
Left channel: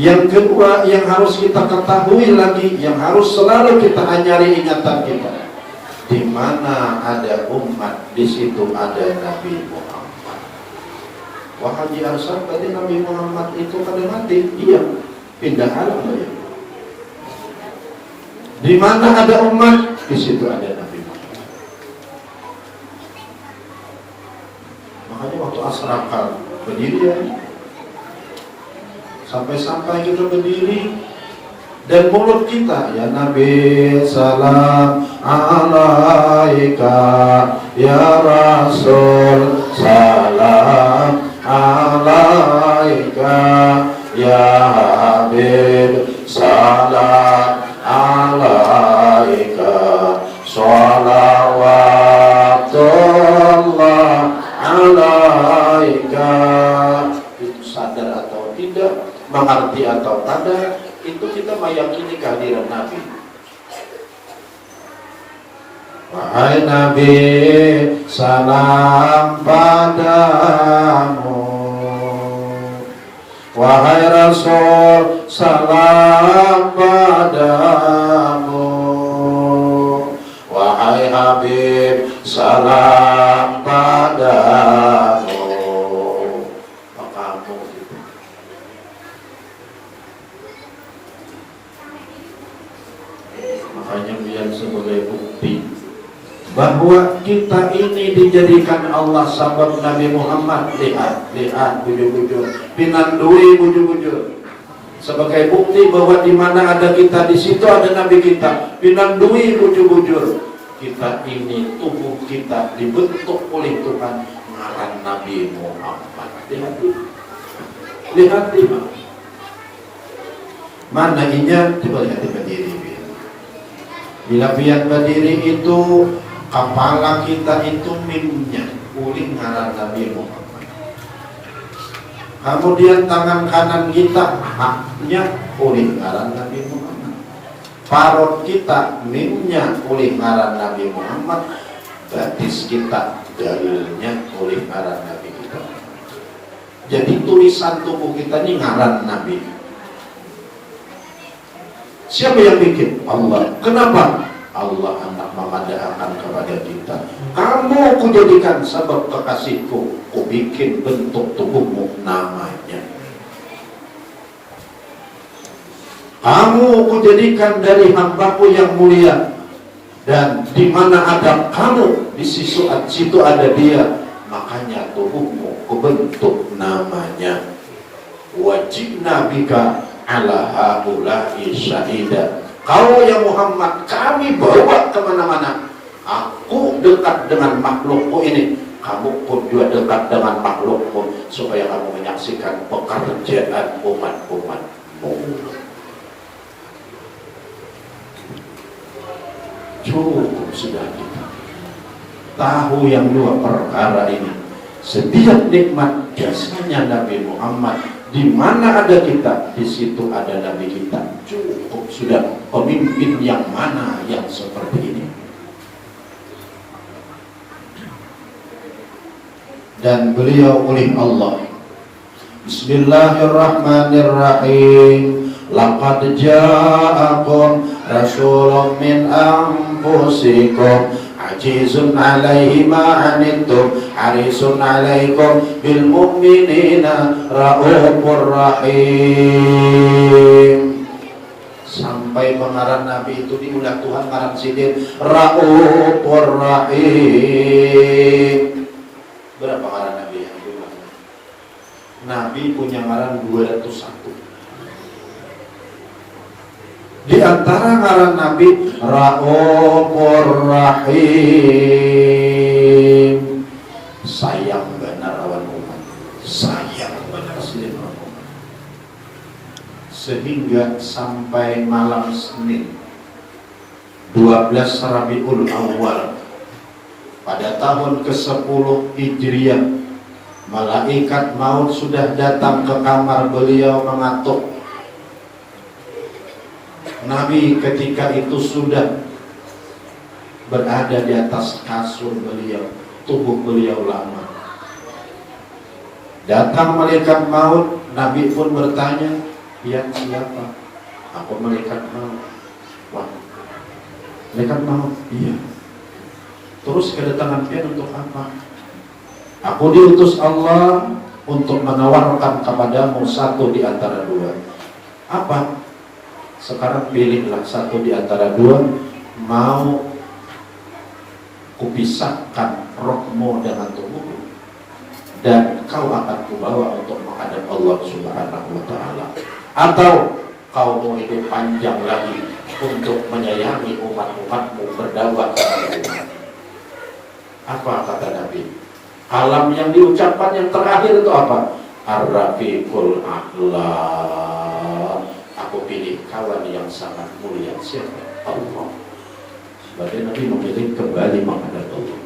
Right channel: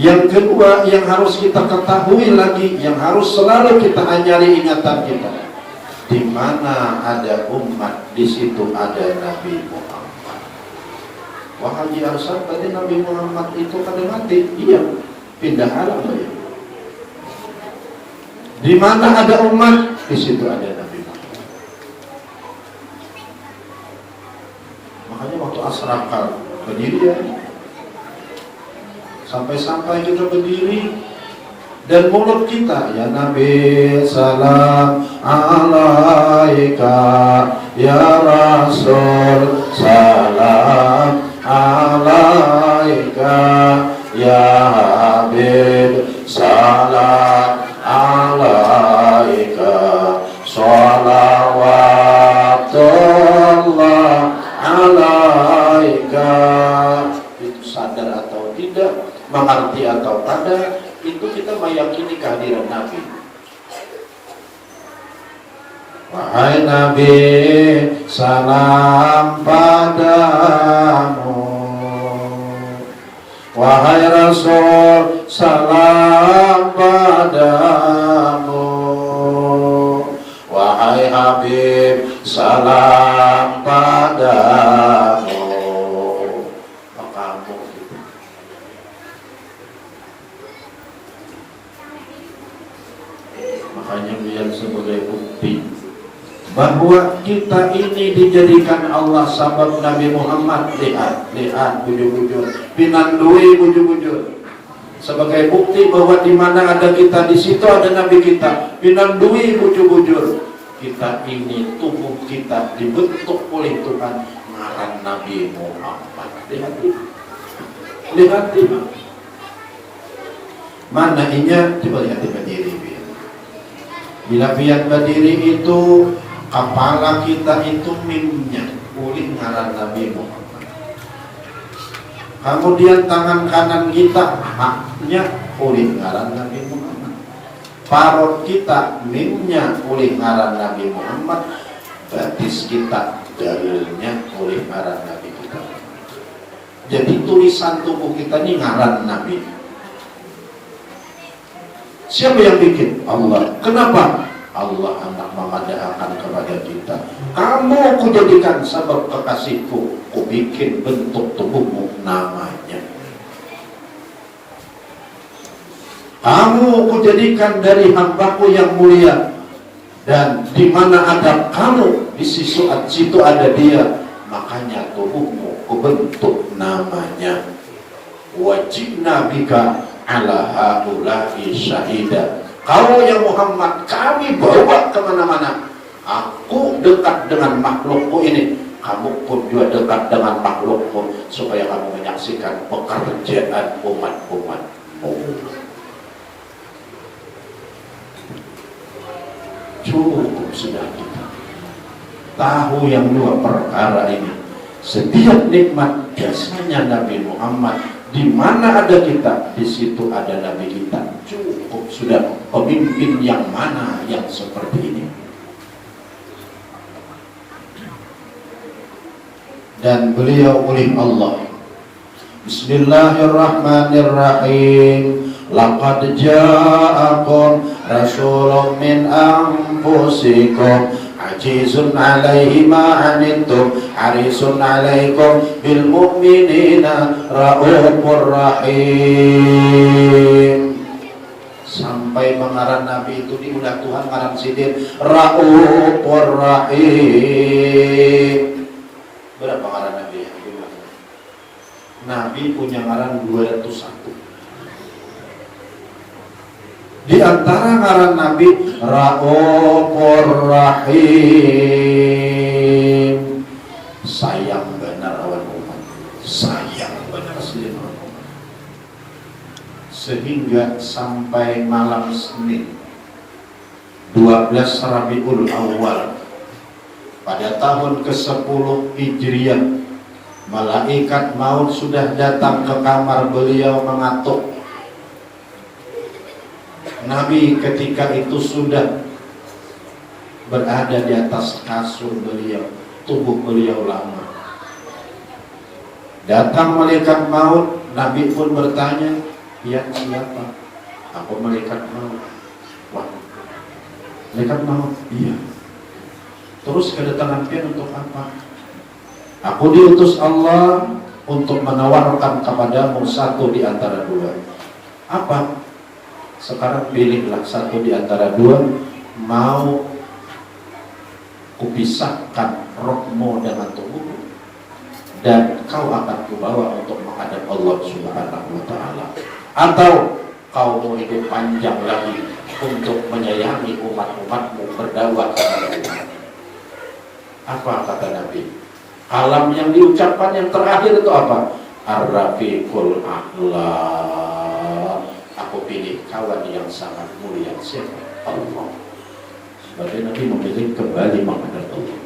Yang kedua yang harus kita ketahui lagi, yang harus selalu kita anyari ingatan kita, di mana ada umat, di situ ada Nabi Muhammad. Wah Haji Hasan tadi Nabi Muhammad itu pada mati, iya pindah alam loh. Di mana ada umat, di situ ada Nabi. Makanya waktu asrakal berdiri ya, sampai-sampai kita berdiri dan mulut kita, ya Nabi salam alaika, ya Rasul salam alaika, ya Habib itu sadar atau tidak, mengerti atau tidak, itu kita meyakini kehadiran Nabi. Wahai Nabi, salam padamu. Wahai Rasul, salam padamu. Wahai Habib, salam padamu. Makamu gitu. Makanya lihat sebagai bukti bahwa kita ini dijadikan Allah sahabat Nabi Muhammad. Lihat bujur-bujur pinandui bujur-bujur sebagai bukti bahwa di mana ada kita di situ ada Nabi kita. Pinandui bujur-bujur kita ini, tubuh kita dibentuk oleh Tuhan ngaran Nabi Muhammad. Lihat mana inya coba lihat berdiri. Bila biar berdiri itu kepala kita itu mimnya uling ngaran Nabi Muhammad. Kemudian tangan kanan kita haknya uling ngaran Nabi Muhammad. Parut kita mimnya uling ngaran Nabi Muhammad. Batis kita dalilnya uling ngaran Nabi kita. Jadi tulisan tubuh kita ini ngaran Nabi. Siapa yang bikin? Allah. Kenapa? Allah amat mengadakan kepada kita. Kamu kujadikan sebab kekasihku, ku bikin bentuk tubuhmu namanya. Kamu kujadikan dari hambaku yang mulia, dan di mana ada kamu, di situ ada dia. Makanya tubuhmu ku bentuk namanya. Wajibna bika ala haula'i syahida. Kau ya Muhammad, kami bawa kemana-mana. Aku dekat dengan makhlukku ini, kamu pun juga dekat dengan makhlukmu, supaya kamu menyaksikan pekerjaan umat-umatmu. Cukup sudah kita tahu yang dua perkara ini. Setiap nikmat jasanya Nabi Muhammad. Di mana ada kita, di situ ada Nabi kita. Cukup sudah. Pemimpin yang mana yang seperti ini? Dan beliau oleh Allah. Bismillahirrahmanirrahim. Laqad ja'akum rasulun min anfusikum azizun 'alaihi ma 'anittum harisun 'alaikum bil mu'minina raufur rahim. Sampai pengarang Nabi itu diudah Tuhan ngarang sidin raufur rahim. Berapa ngarang Nabi? Nabi punya ngarang 201. Di antara ngaran Nabi Raufur Rahim. Sayang benar awan umat. Sayang benar silin umat. Sehingga sampai malam Senin 12 Rabiul Awal pada tahun ke-10 Hijriah, malaikat maut sudah datang ke kamar beliau mengatuk. Nabi ketika itu sudah berada di atas kasur beliau, tubuh beliau lama. Datang malaikat maut, Nabi pun bertanya, "Ya siapa?" "Aku malaikat maut." "Wah, malaikat maut?" "Iya." "Terus kedatangan dia untuk apa?" "Aku diutus Allah untuk menawarkan kepadamu satu di antara dua." "Apa?" "Sekarang pilihlah satu di antara dua, mau kupisahkan rohmu dengan tubuhmu, dan kau akan kubawa untuk menghadap Allah Subhanahu wa Ta'ala, atau kau mau hidup panjang lagi untuk menyayangi umat-umatmu, berdakwah kepada umat." Apa kata Nabi? Kalam yang diucapkan yang terakhir itu apa? Ar-Rafiqul A'la. Aku pilih kawan yang sangat mulia. Siapa? Allah. Berarti Nabi memilih kembali menghadap Allah.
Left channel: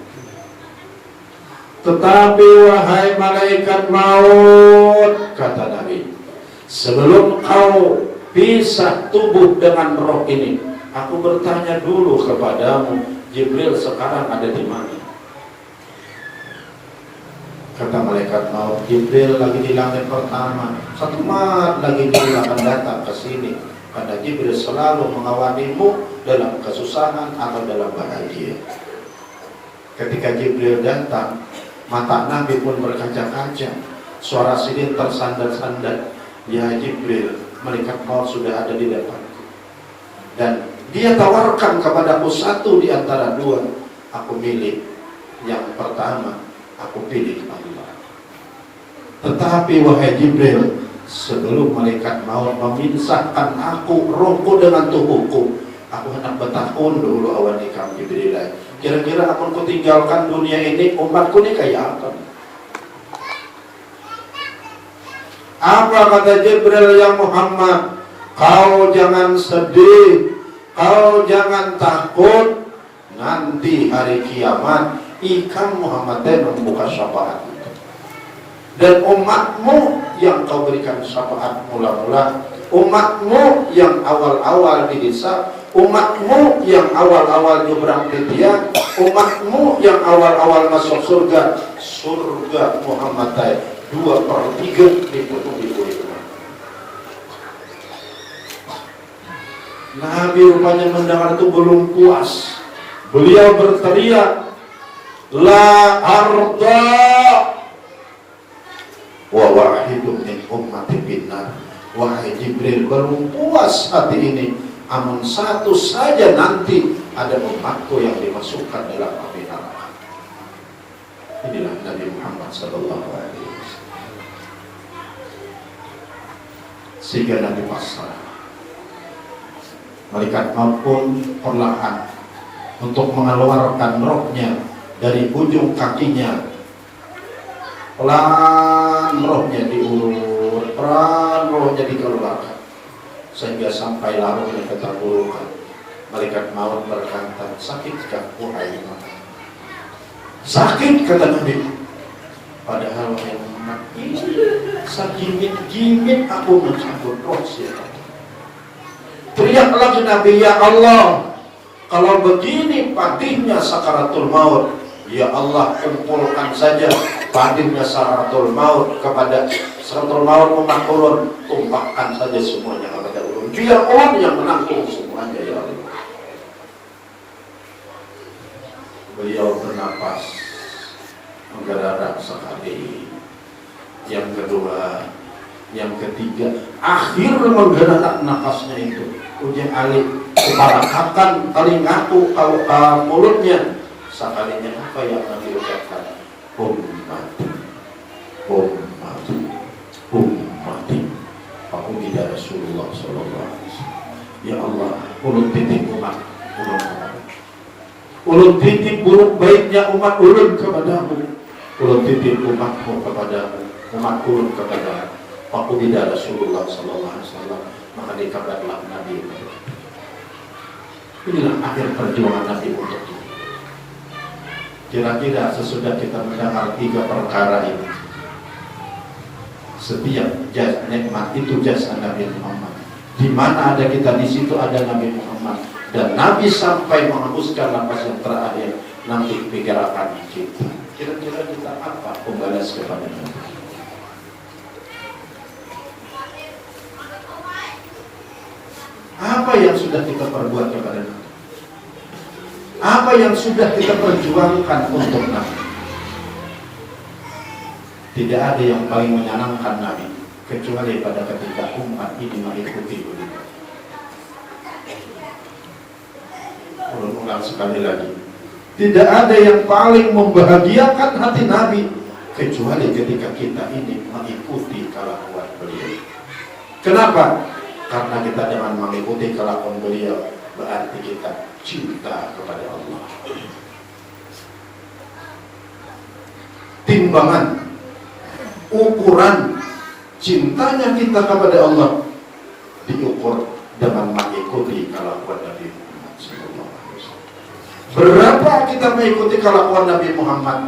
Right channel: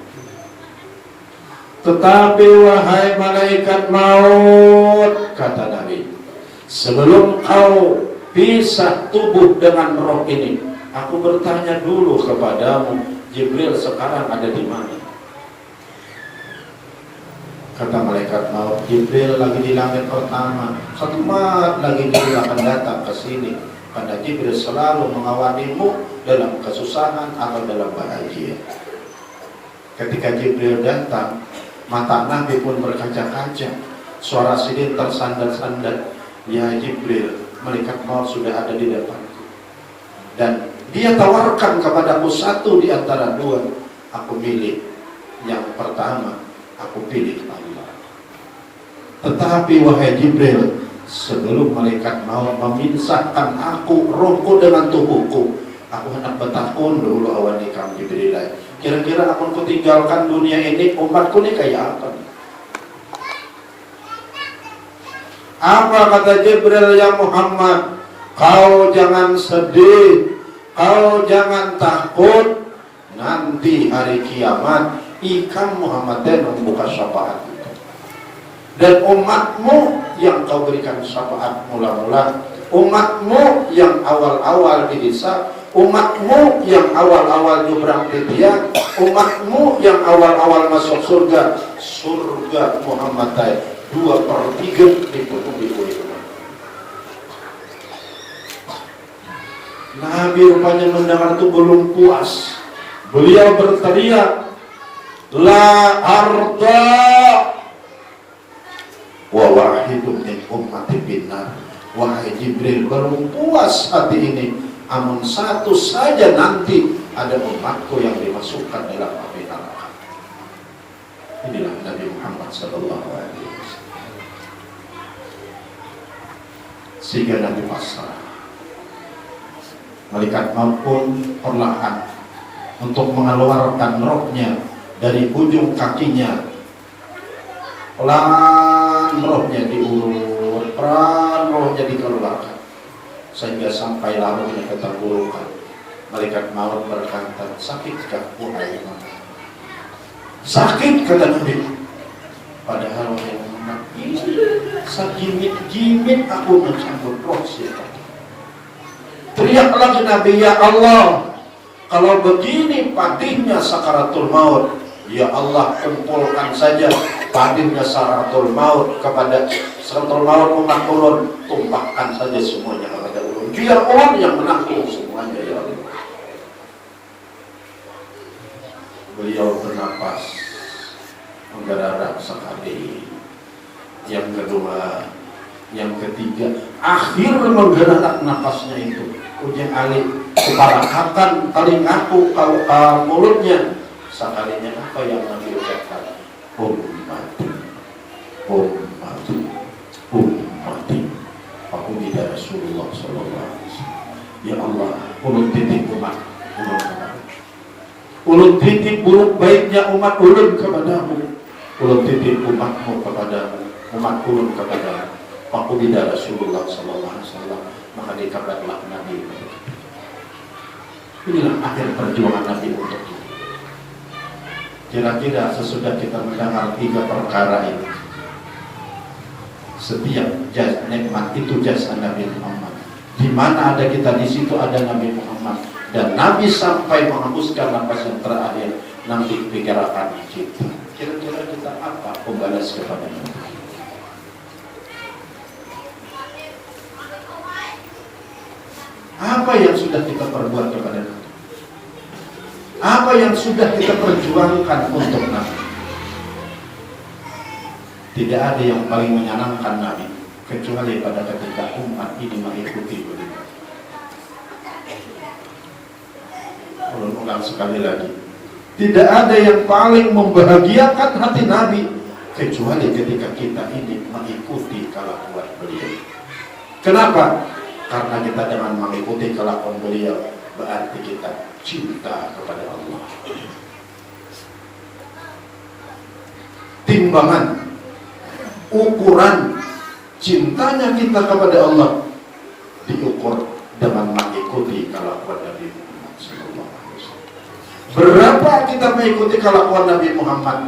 Tetapi wahai malaikat maut, kata Nabi, sebelum kau pisah tubuh dengan roh ini, aku bertanya dulu kepadamu, Jibril sekarang ada di mana? Kata malaikat maut, Jibril lagi di langit pertama, satu mat lagi dia akan datang ke sini. Karena Jibril selalu mengawalimu dalam kesusahan atau dalam bahagia. Ketika Jibril datang, mata Nabi pun berkaca-kaca, suara sidin tersandar-sandar. Ya Jibril, malaikat maut sudah ada di depanku. Dan dia tawarkan kepadaku satu di antara dua. Aku milih yang pertama, aku pilih Allah. Tetapi wahai Jibril, sebelum malaikat maut memisahkan aku, rohku dengan tubuhku, aku hendak bertakun dulu awan nikam Jibril. Kira-kira aku tinggalkan dunia ini, umatku ini kayak apa? Apa kata Jibril, ya Muhammad, kau jangan sedih, kau jangan takut, nanti hari kiamat ikam Muhammad membuka syafaat. Dan umatmu yang kau berikan syafaat mula-mula, umatmu yang awal-awal dihisab, umatmu yang awal-awal nyebrang dia, umatmu yang awal-awal masuk surga, surga Muhammad 2/3 ditutup itu. Nabi rupanya mendengar itu belum puas. Beliau berteriak, la arda wa wahidun min ummati binnar. Wahai Jibril, belum puas hati ini, amun satu saja nanti ada umatku yang dimasukkan dalam api neraka. Inilah Nabi Muhammad sallallahu alaihi wasallam. Sehingga Nabi wassalam, malaikat maut pun perlahan untuk mengeluarkan rohnya dari ujung kakinya. Pelan rohnya diulur, pelan rohnya dikeluarkan, sehingga sampai lalunya ketenggorokan. Malaikat maut berkata, sakitkah wahai Muhammad? Sakit, kata Nabi. Padahal Muhammad ini segimit-gimit aku mencampur roh siapa. Teriak lagi Nabi, ya Allah, kalau begini patihnya sakaratul maut, ya Allah, kumpulkan saja patihnya sakaratul maut kepada sakaratul maut umat ulun, tumpahkan saja semuanya kepada ulun, biar orang yang menanggung semuanya, ya Allah. Beliau bernapas menggerak sekali, yang kedua, yang ketiga, akhir menggerak napasnya itu. Ujian alih kepala akan kali ngaku kalau mulutnya sekalinya apa yang Nabi ucapkan, ummati, ummati, ummati. Aku tidak Rasulullah sallallahu alaihi wasallam. Ya Allah, ulun titip umat ulun kepadamu. Ulun titip buruk baiknya umat ulun kepadamu. Ulun titip umatmu kepadamu, umat ulun kepadamu. Aku tidak Rasulullah sallallahu alaihi wasallam. Maka dikabarlah Nabi. Inilah akhir perjuangan Nabi untuk itu. Kira-kira sesudah kita mendengar 3 perkara ini, setiap nikmat itu jasa Nabi Muhammad. Di mana ada kita, di situ ada Nabi Muhammad. Dan Nabi sampai menghembuskan nafas yang terakhir, nanti pikiran kita. Kira-kira kita apa pembalas kepada Nabi? Apa yang sudah kita perbuat kepada Nabi? Apa yang sudah kita perjuangkan untuk Nabi? Tidak ada yang paling menyenangkan Nabi kecuali pada ketika umat ini mengikuti beliau. Ulang sekali lagi, tidak ada yang paling membahagiakan hati Nabi kecuali ketika kita ini mengikuti kelakuan beliau. Kenapa? Karena kita dengan mengikuti kelakuan beliau berarti kita cinta kepada Allah. Timbangan, ukuran cintanya kita kepada Allah diukur dengan mengikuti kelakuan Nabi Muhammad sallallahu alaihi wasallam. Berapa kita mengikuti kelakuan Nabi Muhammad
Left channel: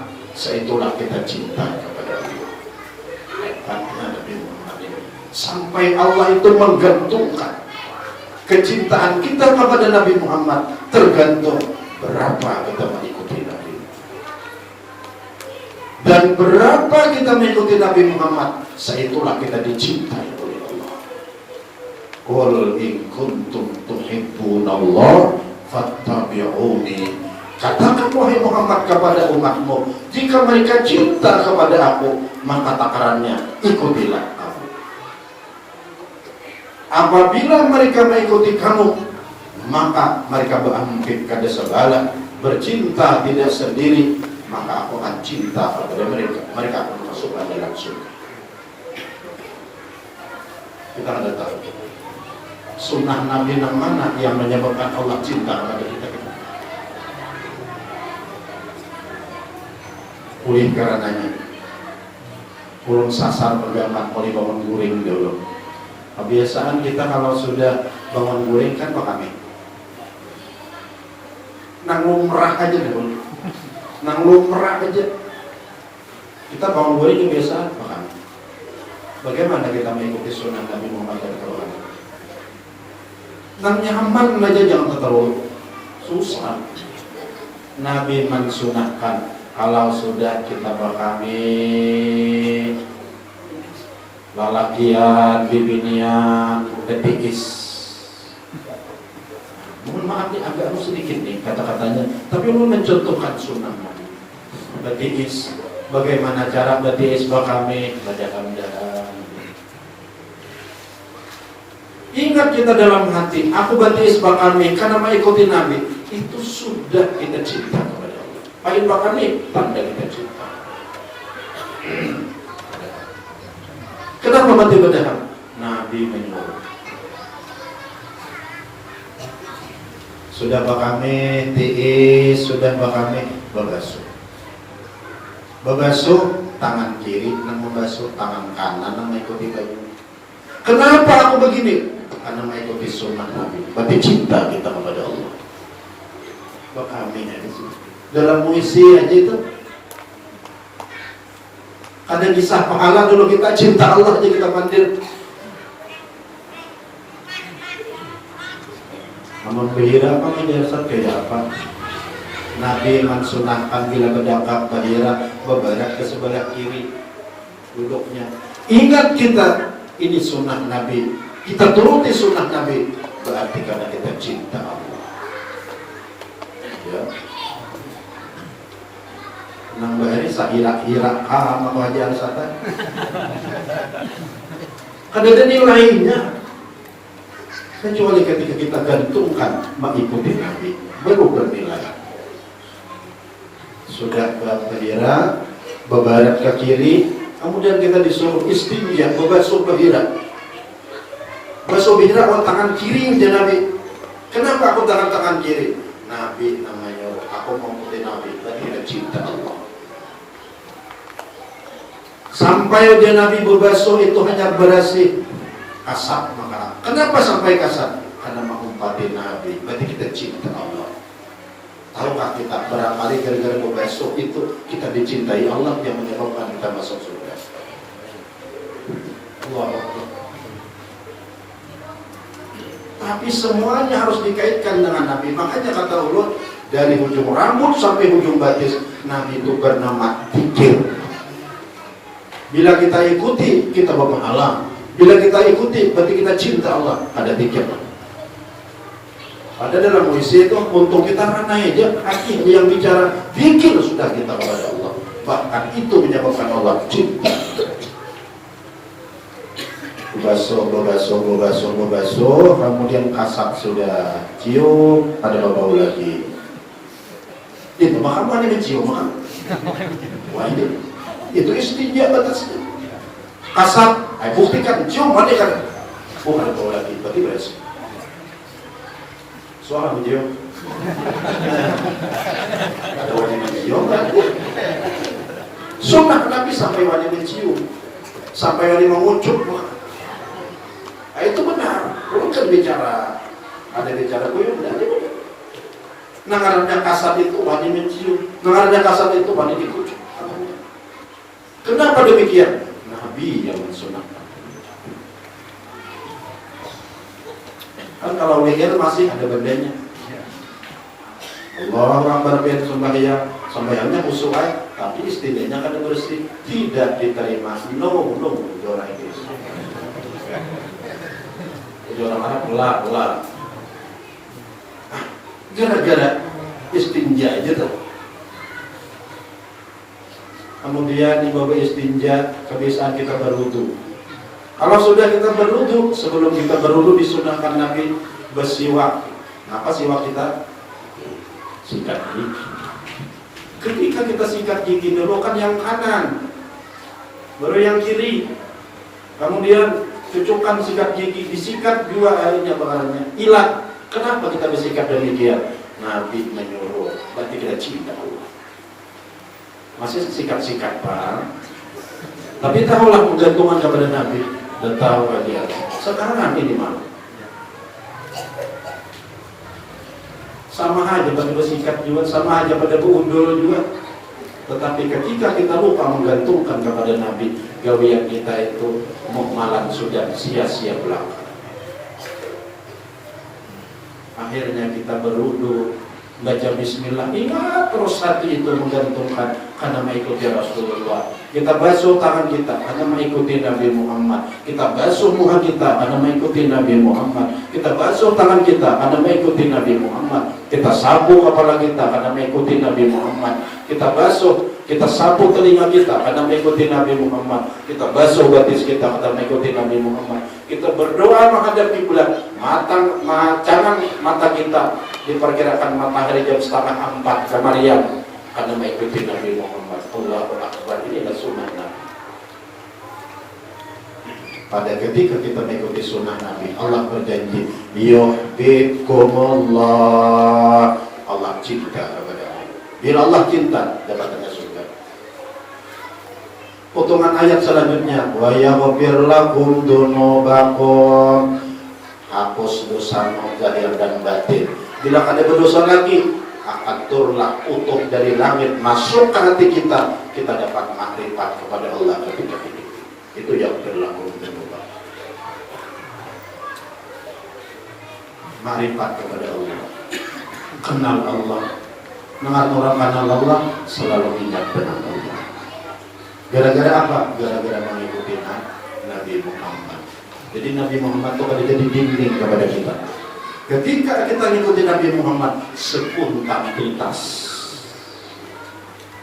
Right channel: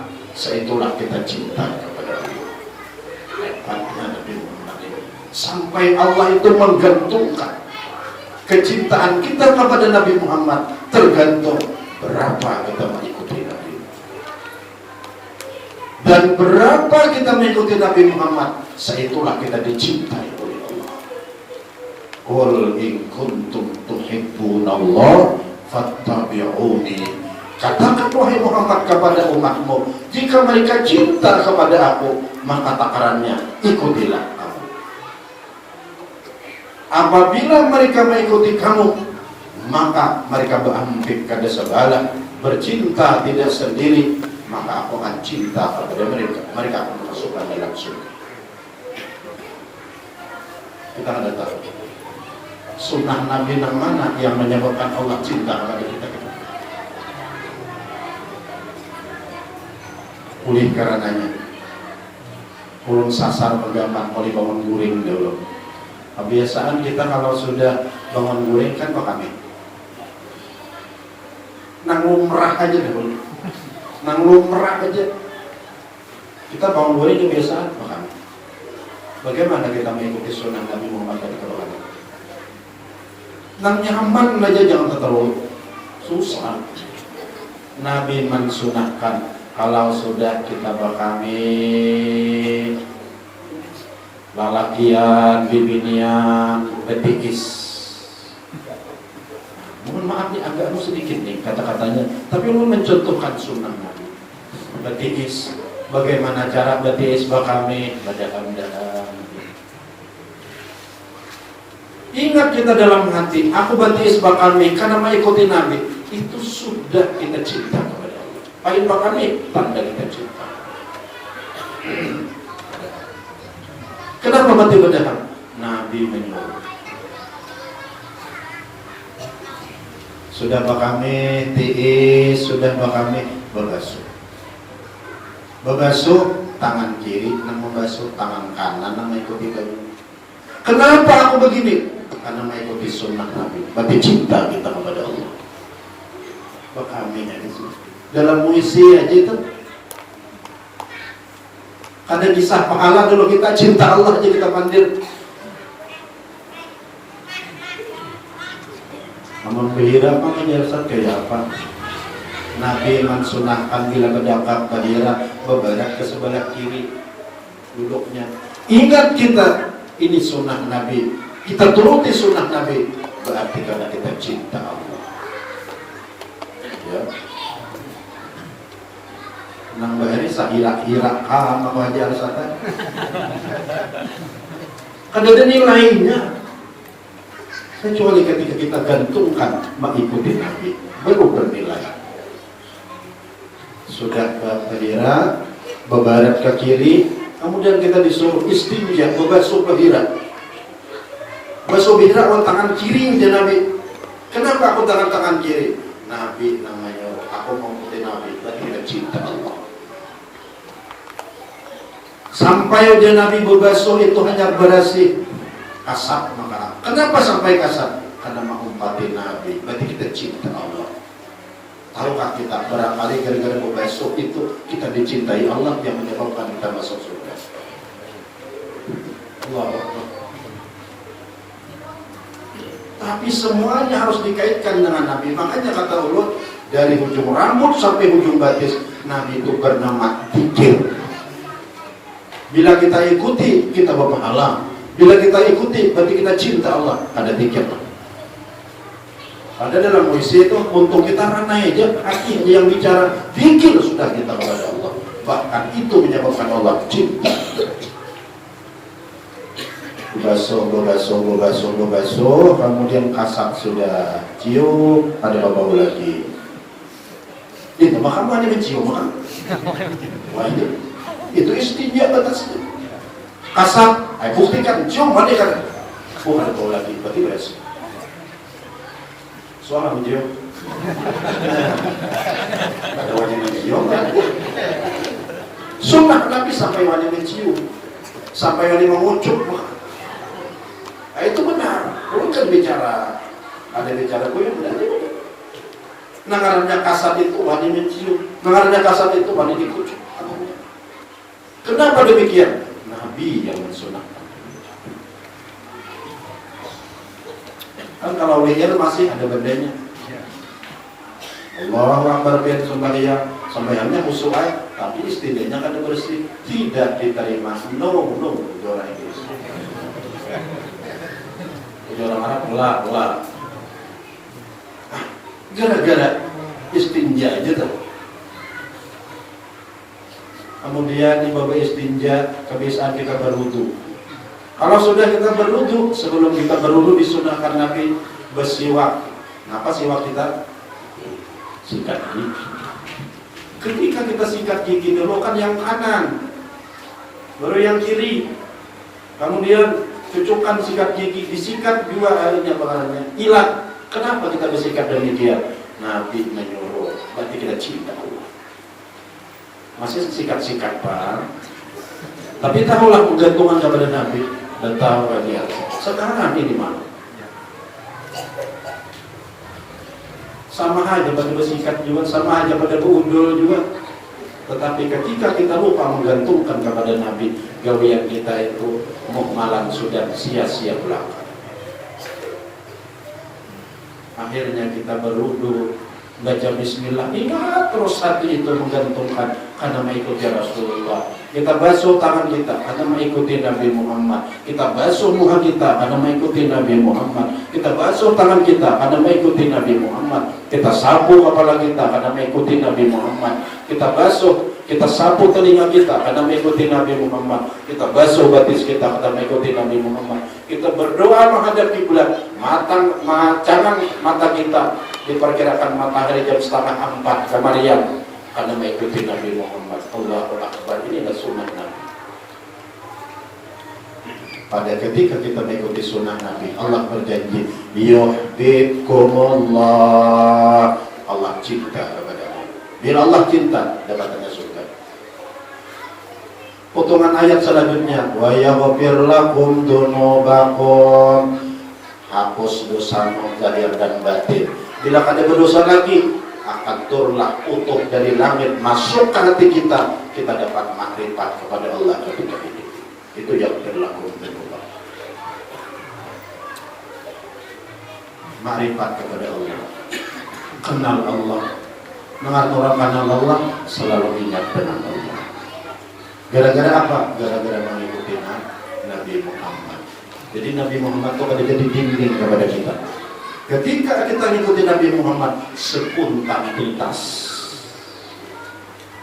seitulah kita cinta kepada Allah. Hebatnya Nabi Muhammad ini. Sampai Allah itu menggantungkan kecintaan kita kepada Nabi Muhammad tergantung berapa kita mengikuti Nabi. Dan berapa kita mengikuti Nabi Muhammad, seitulah kita dicintai oleh Allah. Qul in kuntum tuhibbunallah fattabi'uni. Katakan wahai Muhammad kepada umatmu, jika mereka cinta kepada aku, maka takarannya ikutilah aku. Apabila mereka mengikuti kamu, maka mereka berambil kada segala, bercinta tidak sendiri, maka aku akan cinta kepada mereka. Mereka akan masukkan dalam surga. Kita ada tahu sunnah Nabi yang mana yang menyebabkan Allah cinta kepada kita. Oleh karenanya, ulun sasar pendapat oleh bangun guring dulu. Kebiasaan kita kalau sudah bangun guring kan apa kami? Nang lumrah aja dulu. Nang lumrah aja. Kita bangun guring kebiasaan apa kami? Bagaimana kita mengikuti sunnah Nabi Muhammad SAW? Nang nyaman aja jangan terlalu susah. Nabi mensunahkan kalau sudah kita berkami lalakian, bibinian, ketikis. Mohon maaf nih agak sedikit nih kata-katanya, tapi lu mencontohkan sunnah Nabi. Ketikis, bagaimana cara ketikis berkami? Berdahan-dahan. Ingat kita dalam hati, aku batis berkami karena mengikuti Nabi. Itu sudah kita cinta. Paling kami tanda kita cinta. Kenapa mati berdahan? Nabi menyuruh. Sudah kami tiis, sudah kami membasuh. Membasuh tangan kiri dan membasuh tangan kanan dan mengikuti baju. Kenapa aku begini? Karena mengikuti sunnah Nabi. Berarti cinta kita kepada Allah. Kami dalam puisi aja itu ada kisah pahala dulu, kita cinta Allah aja kita pandir. Namun kira apa ini dasar kayak apa? Nabi mensunahkan bila kedapatan badira bebarak ke sebelah kiri duduknya. Ingat kita ini sunnah Nabi, kita turuti sunnah Nabi, berarti karena kita cinta Allah. Ya. Nang bahari sahirak-hirak sama wajar sata. Kan ada nilainya. Kecuali ketika kita gantungkan mengikuti Nabi, baru bernilai. Sudah bahira, bebarat ke kiri, kemudian kita disuruh istinja, bebasuh bahira. Basuh bahira dengan tangan kiri dia Nabi. Kenapa aku tangan kiri? Nabi namanya, aku mau ikuti Nabi, berarti kita cinta Allah. Sampai dia Nabi berbasuh itu hanya berasih kasar makanan. Kenapa sampai kasar? Karena mengumpati Nabi, berarti kita cinta Allah. Tahukah kita barangkali gara-gara berbasuh itu kita dicintai Allah yang menyebabkan kita masuk surga. Allah. Tapi semuanya harus dikaitkan dengan Nabi. Makanya kata Allah, dari ujung rambut sampai ujung batis, Nabi itu bernama dzikir. Bila kita ikuti, kita berpahala. Bila kita ikuti, berarti kita cinta Allah. Ada dzikir. Ada dalam puisi itu, untuk kita ranai aja, hati yang bicara, dzikir sudah kita kepada Allah. Bahkan itu menyebabkan Allah cinta. Basuh, kemudian kasat sudah cium, ada bau lagi. Itu makan mana mencium kan? Wah ini, itu istinja atas kasat. Ayo buktikan, cium mana kan? Oh ada bau lagi, berarti beres. Suara mencium. Ada wajah mencium kan? Sunnah Nabi sampai wajah mencium, sampai wajah mengucup. Nah, itu benar, bukan bicara ada bicara buyut dan nangarannya kasat itu wani mencium, nangarannya kasat itu wani dikucuk. Kenapa demikian? Nabi yang mensunahkan. Kan kalau leher masih ada bendanya. Allah Akbar sembahyangnya khusyuk, tapi istilahnya kan bersih, tidak diterima. No, orang itu. Orang Arab pelak. Gara-gara istinja aja tuh. Kemudian ibadah istinja, kebiasaan kita berwudu. Kalau sudah kita berwudu, sebelum kita berwudu disunahkan Nabi bersiwak. Apa siwak kita? Sikat gigi. Ketika kita sikat gigi dulu kan yang kanan, baru yang kiri. Kemudian cucukkan sikat gigi, disikat dua airnya bahannya hilang. Kenapa kita bersikat demikian? Nabi menyuruh, berarti kita cinta Allah. Masih sikat-sikat Pak. Tapi tahulah menggantungkan kepada Nabi. Dan tahu lagi. Sekarang ini malu. Sama aja pada bersikat juga, sama aja pada berundul juga. Tetapi ketika kita lupa menggantungkan kepada Nabi, gawean kita itu mukmalan sudah sia-sia pula. Akhirnya kita berwudu, baca bismillah, ingat terus hati itu menggantungkan karena mengikuti Rasulullah. Kita basuh tangan kita karena mengikuti Nabi Muhammad. Kita basuh muka kita karena mengikuti Nabi Muhammad. Kita basuh tangan kita karena mengikuti Nabi Muhammad. Kita sapu kepala kita karena mengikuti Nabi Muhammad. Kita basuh, kita sapu telinga kita karena mengikuti Nabi Muhammad. Kita basuh batis kita karena mengikuti Nabi Muhammad. Kita berdoa menghadap kiblat, jangan mata kita diperkirakan matahari jam 3:30 kemarian karena mengikuti Nabi Muhammad. Allahu Akbar, inilah sunnah Nabi. Pada ketika kita mengikuti sunnah Nabi, Allah berjanji, yuhibbukumullah. Allah cinta kepada Allah. Bila Allah cinta, dapatnya surga. Potongan ayat selanjutnya, wa yaghfir lakum dzunubakum. Hapus dosa zahir dan batin. Bila ada berdosa lagi, aturlah utuh dari langit masuk ke hati kita, kita dapat makrifat kepada Allah ketika itu. Itu yang berlaku berdoa. Makrifat kepada Allah, kenal Allah. Dengan orang kenal Allah selalu ingat dengan Allah. Gara-gara apa? Gara-gara mengikuti Nabi Muhammad. Jadi Nabi Muhammad itu pada jadi bimbing kepada kita. Ketika kita mengikuti Nabi Muhammad, sepuntan tuntas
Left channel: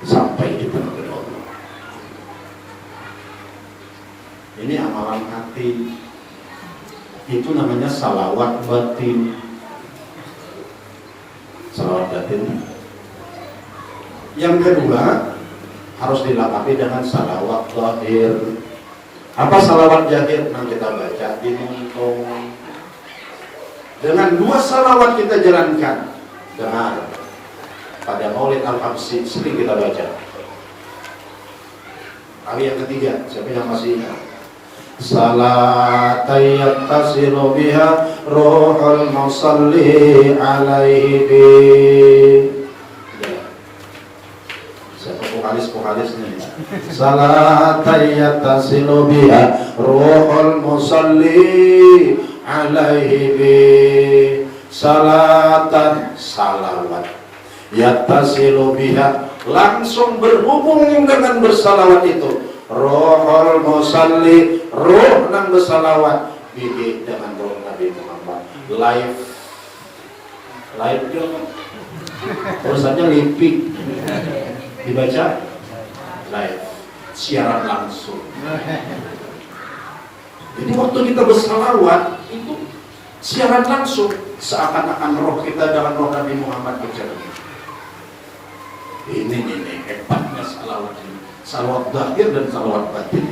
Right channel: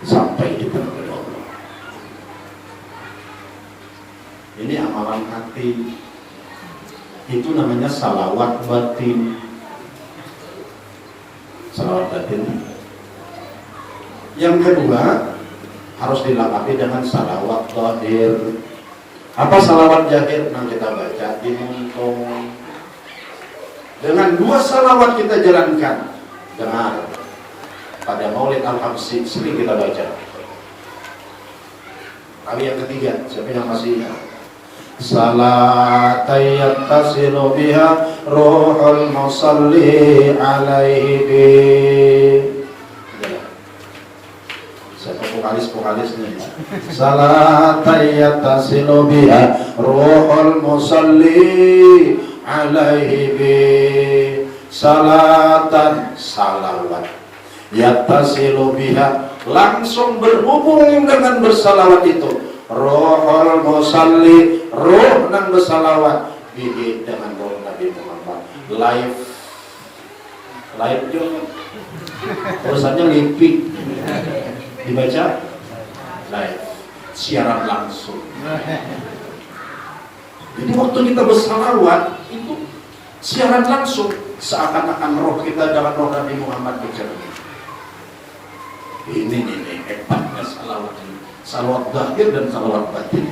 sampai di depan Allah. Ini amalan hati. Itu namanya salawat batin. Salawat batin. Yang kedua, harus dilengkapi dengan salawat zahir. Apa salawat zahir? Yang kita baca di mengkong. Dengan dua salawat kita jalankan. Dengar, pada Maulid Al-Habsyi sering kita baca. Kali yang ketiga, siapa yang masih ingat? Salatan yattasilu biha ruhul musalli alaihi bi. Siapa vokalis nih? Salatan yattasilu biha ruhul musalli alaihi bi. Salatan, salawat, yattasilu biha, langsung berhubung dengan bersalawat itu, rohul musalli, roh dan bersalawat bihi, dengan roh Nabi Muhammad. Live juga urusannya lipik dibaca live, siaran langsung. Jadi waktu kita bersalawat itu siaran langsung, seakan-akan roh kita dalam roh Nabi Muhammad bicara. Ini hebatnya salawat ini, salawat zahir dan salawat batin.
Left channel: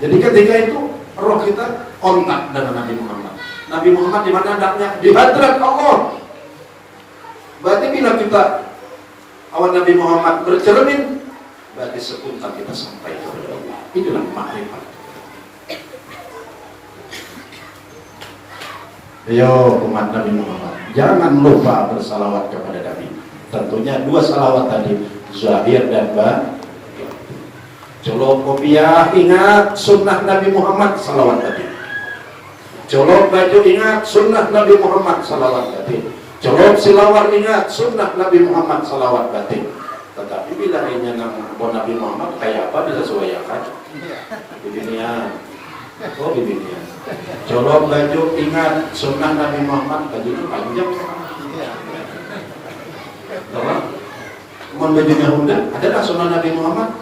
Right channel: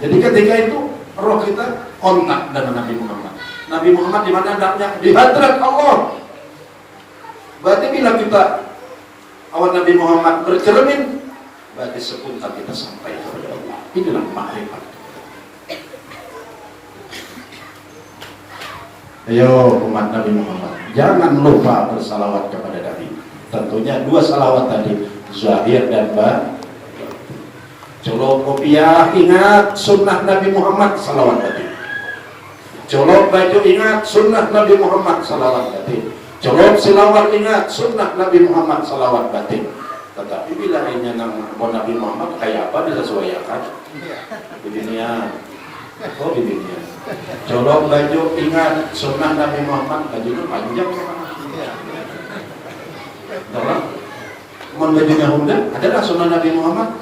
Jadi ketika itu roh kita kontak dengan Nabi Muhammad. Nabi Muhammad di mana adanya? Di hadrat Allah. Berarti bila kita awal Nabi Muhammad bercermin, berarti sepuntal kita sampai kepada Allah. Inilah makrifat. Yo umat Nabi Muhammad, jangan lupa bersalawat kepada Nabi. Tentunya dua salawat tadi, zahir dan batin. Colok kopiah, ingat sunnah Nabi Muhammad salawat tadi. Colok baju, ingat sunnah Nabi Muhammad salawat tadi. Colok silawat, ingat sunnah Nabi Muhammad salawat tadi. Tetapi bila ini nama Nabi Muhammad kayak apa bisa sesuaikan di dunia. Oh di dunia. Colok baju, ingat sunnah Nabi Muhammad, baju itu panjang. Bajunya muda, ada tak sunnah Nabi Muhammad?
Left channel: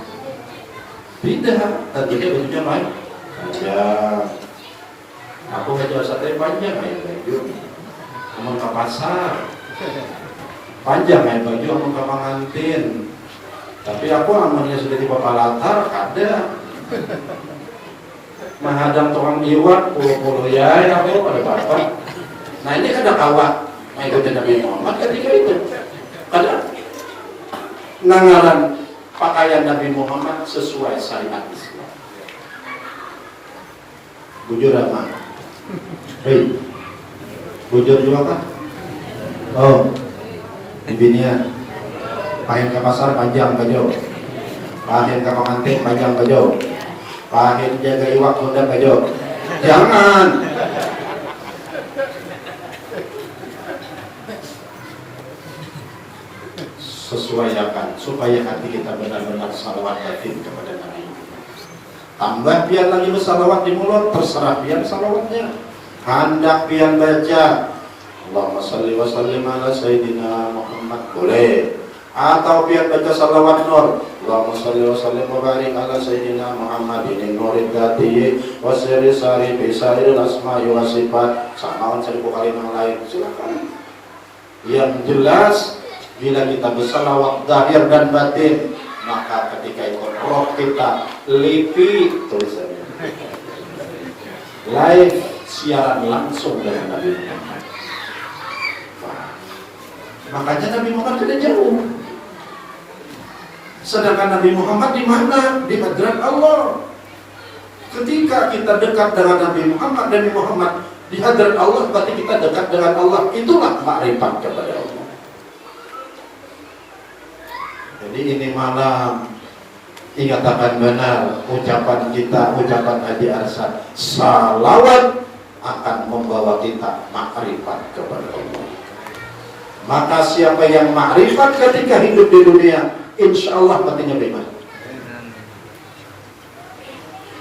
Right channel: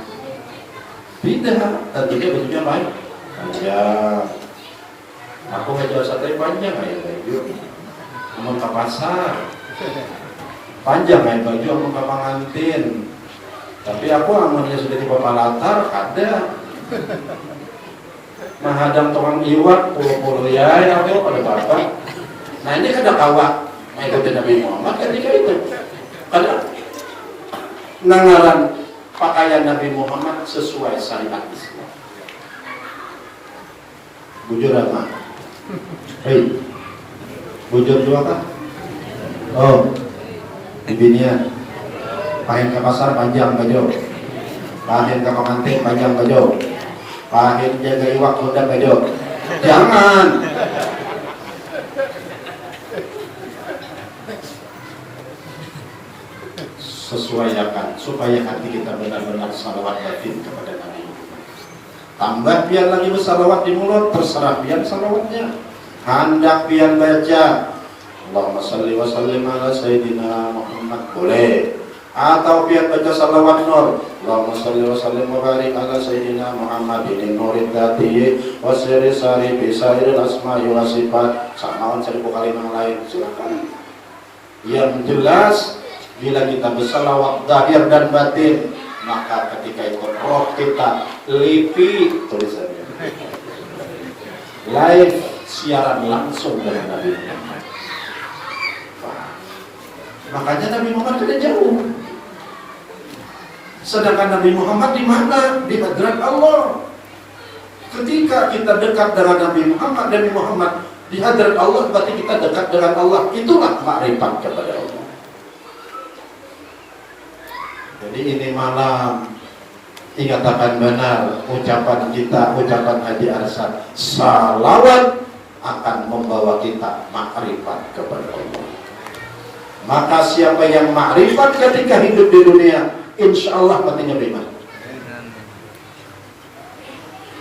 Tidak, tentunya bajunya lain. Panjang. Aku baju sate panjang ya baju. Mau ke pasar. Panjang ya baju mau ke pengantin. Tapi aku namanya sudah di bapak latar ada. Nah hadang tukang iwak, puluh ya aku pada bapak. Nah ini kada kawat. Nah itu Nabi Muhammad ketika itu. Ada nangaran pakaian Nabi Muhammad sesuai syariat Islam. Bujur apa? Hei, bujur juga kan? Oh, di binian. Pahin ke pasar panjang baju. Pahin ke pengantin panjang baju. Pahin jaga iwak muda baju. Jangan. Sesuaikan supaya hati kita benar-benar salawat batin kepada Nabi. Tambah biar lagi bersalawat di mulut, terserah biar salawatnya. Hendak biar baca Allahumma salli wa sallim ala Sayyidina Muhammad boleh. Atau biar baca salawat nur Allahumma salli wa sallim wa barik ala Sayyidina Muhammad ini murid dati wa siri sari bisairi asma'i wa sifat samawan seribu kali yang lain silakan. Yang jelas bila kita bersalawat zahir dan batin, maka ketika itu roh kita lipi tulisannya live siaran langsung dari Nabi Muhammad. Makanya Nabi Muhammad tidak jauh. Sedangkan Nabi Muhammad di mana? Di hadrat Allah. Ketika kita dekat dengan Nabi Muhammad di hadrat Allah, berarti kita dekat dengan Allah. Itulah makrifat kepada Allah. Jadi ini malam dikatakan benar ucapan kita, ucapan Haji Arsyad, salawat akan membawa kita makrifat kepada Allah. Maka siapa yang makrifat ketika hidup di dunia, insya Allah matinya beriman.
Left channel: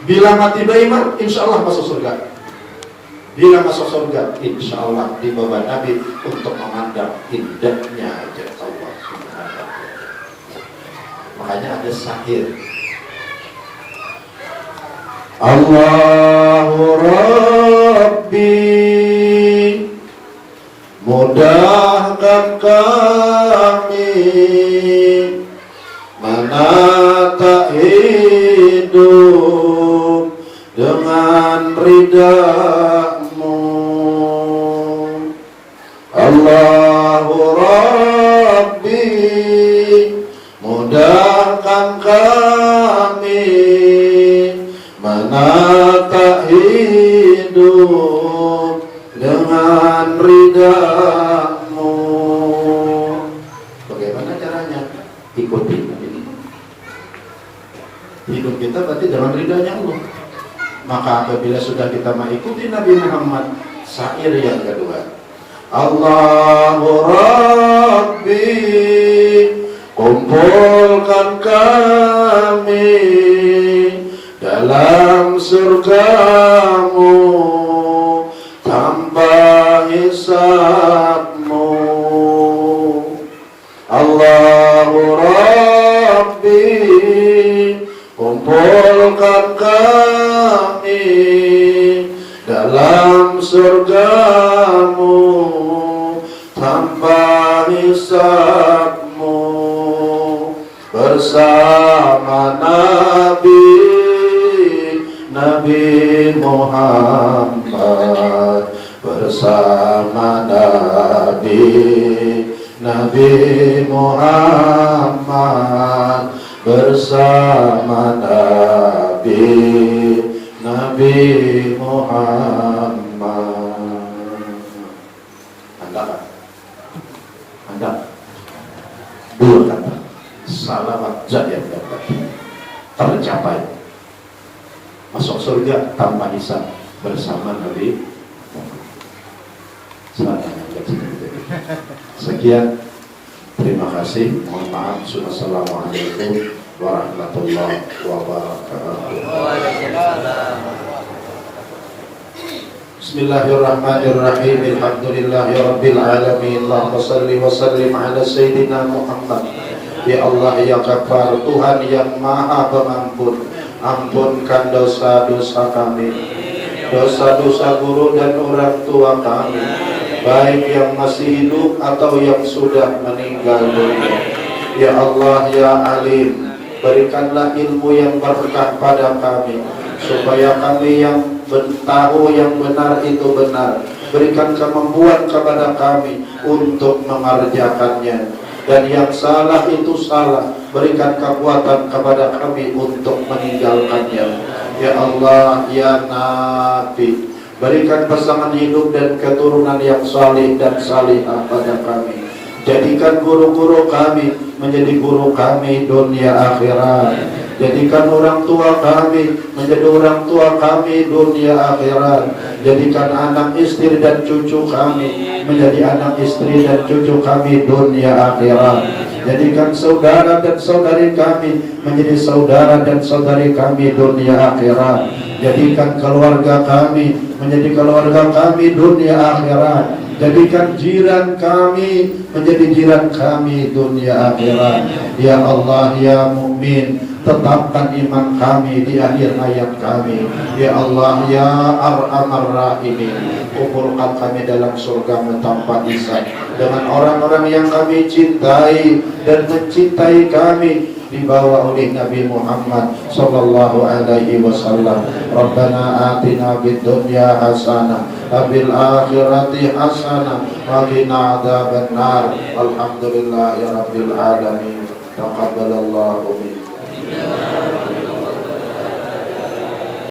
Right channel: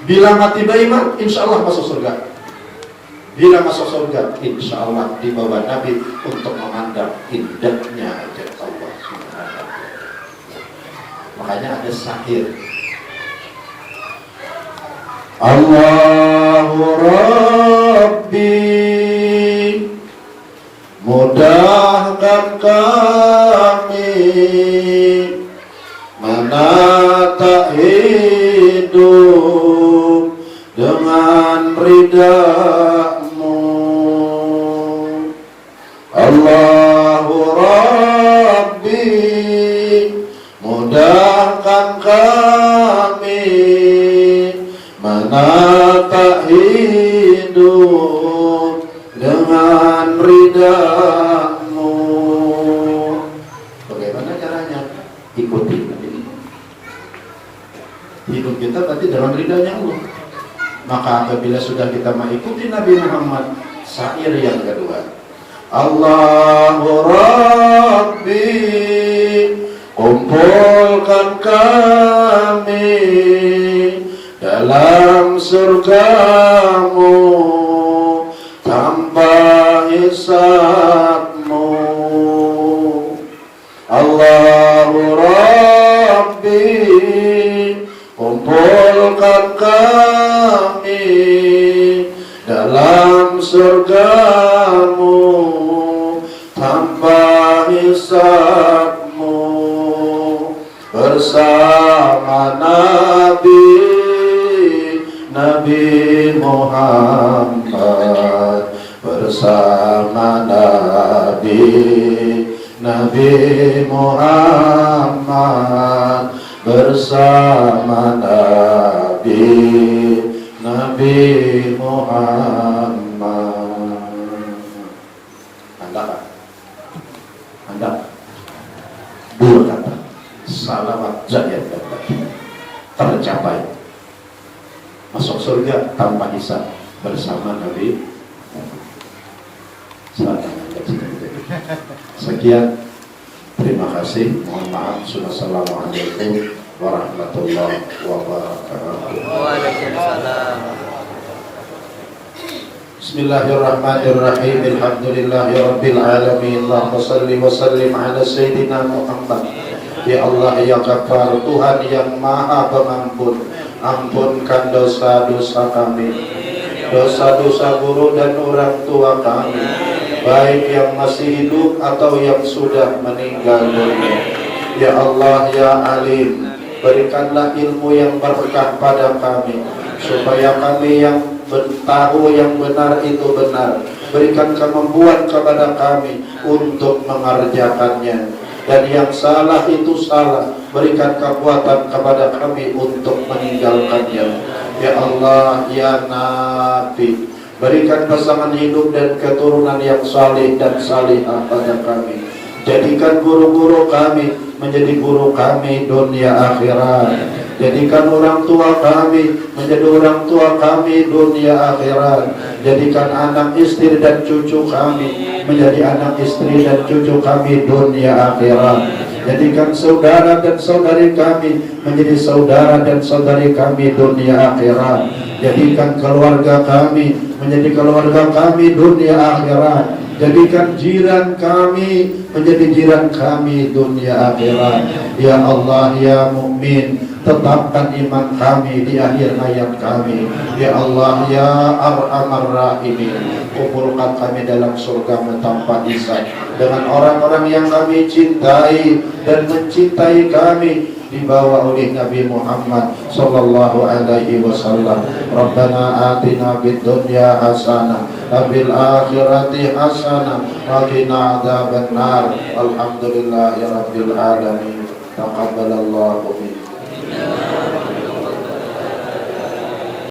Bila mati beriman, insya Allah masuk surga. Bila masuk surga, insya Allah dibawa Nabi untuk memandang indahnya hajat Allah. Makanya ada syair. Allahu Rabbi mudahkan kami menata hidup dengan ridha-Mu. Allahu Rabbi mudahkan kami menata hidup dengan ridha-Mu. Bagaimana caranya? Ikuti ini. Hidup kita berarti dalam ridhanya Allah. Maka apabila sudah kita mengikuti Nabi Muhammad, syair yang kedua, Allahu Rabbi kumpulkan kami dalam surga-Mu tanpa hisab-Mu. Allahu Rabbi kumpulkan kami dalam surga-Mu tanpa hisab-Mu bersama Nabi Muhammad, bersama Nabi Muhammad, bersama Nabi Muhammad. Anda dua kata salamat jaya tercapai masuk surga tanpa hisab bersama Nabi. Sekian, terima kasih. Mohon maaf. Wassalamualaikum warahmatullahi wabarakatuh. Waalaikumsalam. Bismillahirrahmanirrahim. Alhamdulillahirabbil alamin. Allahumma shalli wa sallim ala sayyidina Muhammad. Ya Allah ya Ghaffar, Tuhan yang Maha Pengampun, ampunkan dosa-dosa kami, dosa-dosa guru dan orang tua kami, baik yang masih hidup atau yang sudah meninggal dunia. Ya Allah ya Alim, berikanlah ilmu yang berkah pada kami, supaya kami yang tahu yang benar itu benar. Berikan kemampuan kepada kami untuk mengerjakannya, dan yang salah itu salah. Berikan kekuatan kepada kami untuk meninggalkannya. Ya Allah ya Nafi, berikan pasangan hidup dan keturunan yang salih dan salihah pada kami. Jadikan guru-guru kami menjadi guru kami dunia akhirat. Jadikan orang tua kami menjadi orang tua kami dunia akhirat. Jadikan anak istri dan cucu kami menjadi anak istri dan cucu kami dunia akhirat. Jadikan saudara dan saudari kami menjadi saudara dan saudari kami dunia akhirat. Jadikan keluarga kami menjadi keluarga kami dunia akhirat. Jadikan jiran kami menjadi jiran kami dunia akhirat. Ya Allah ya Mukmin, tetapkan iman kami di akhir hayat kami. Ya Allah ya Arhamar Rahimin, kumpulkan kami dalam surgamu tanpa hisab dengan orang-orang yang kami cintai dan mencintai kami, dibawa oleh Nabi Muhammad sallallahu alaihi wasallam. Rabbana atina fid dunya hasanah wa fil akhirati hasanah wa qina adzabannar. Alhamdulillahirabbil alamin. Taqabbalallahu minna.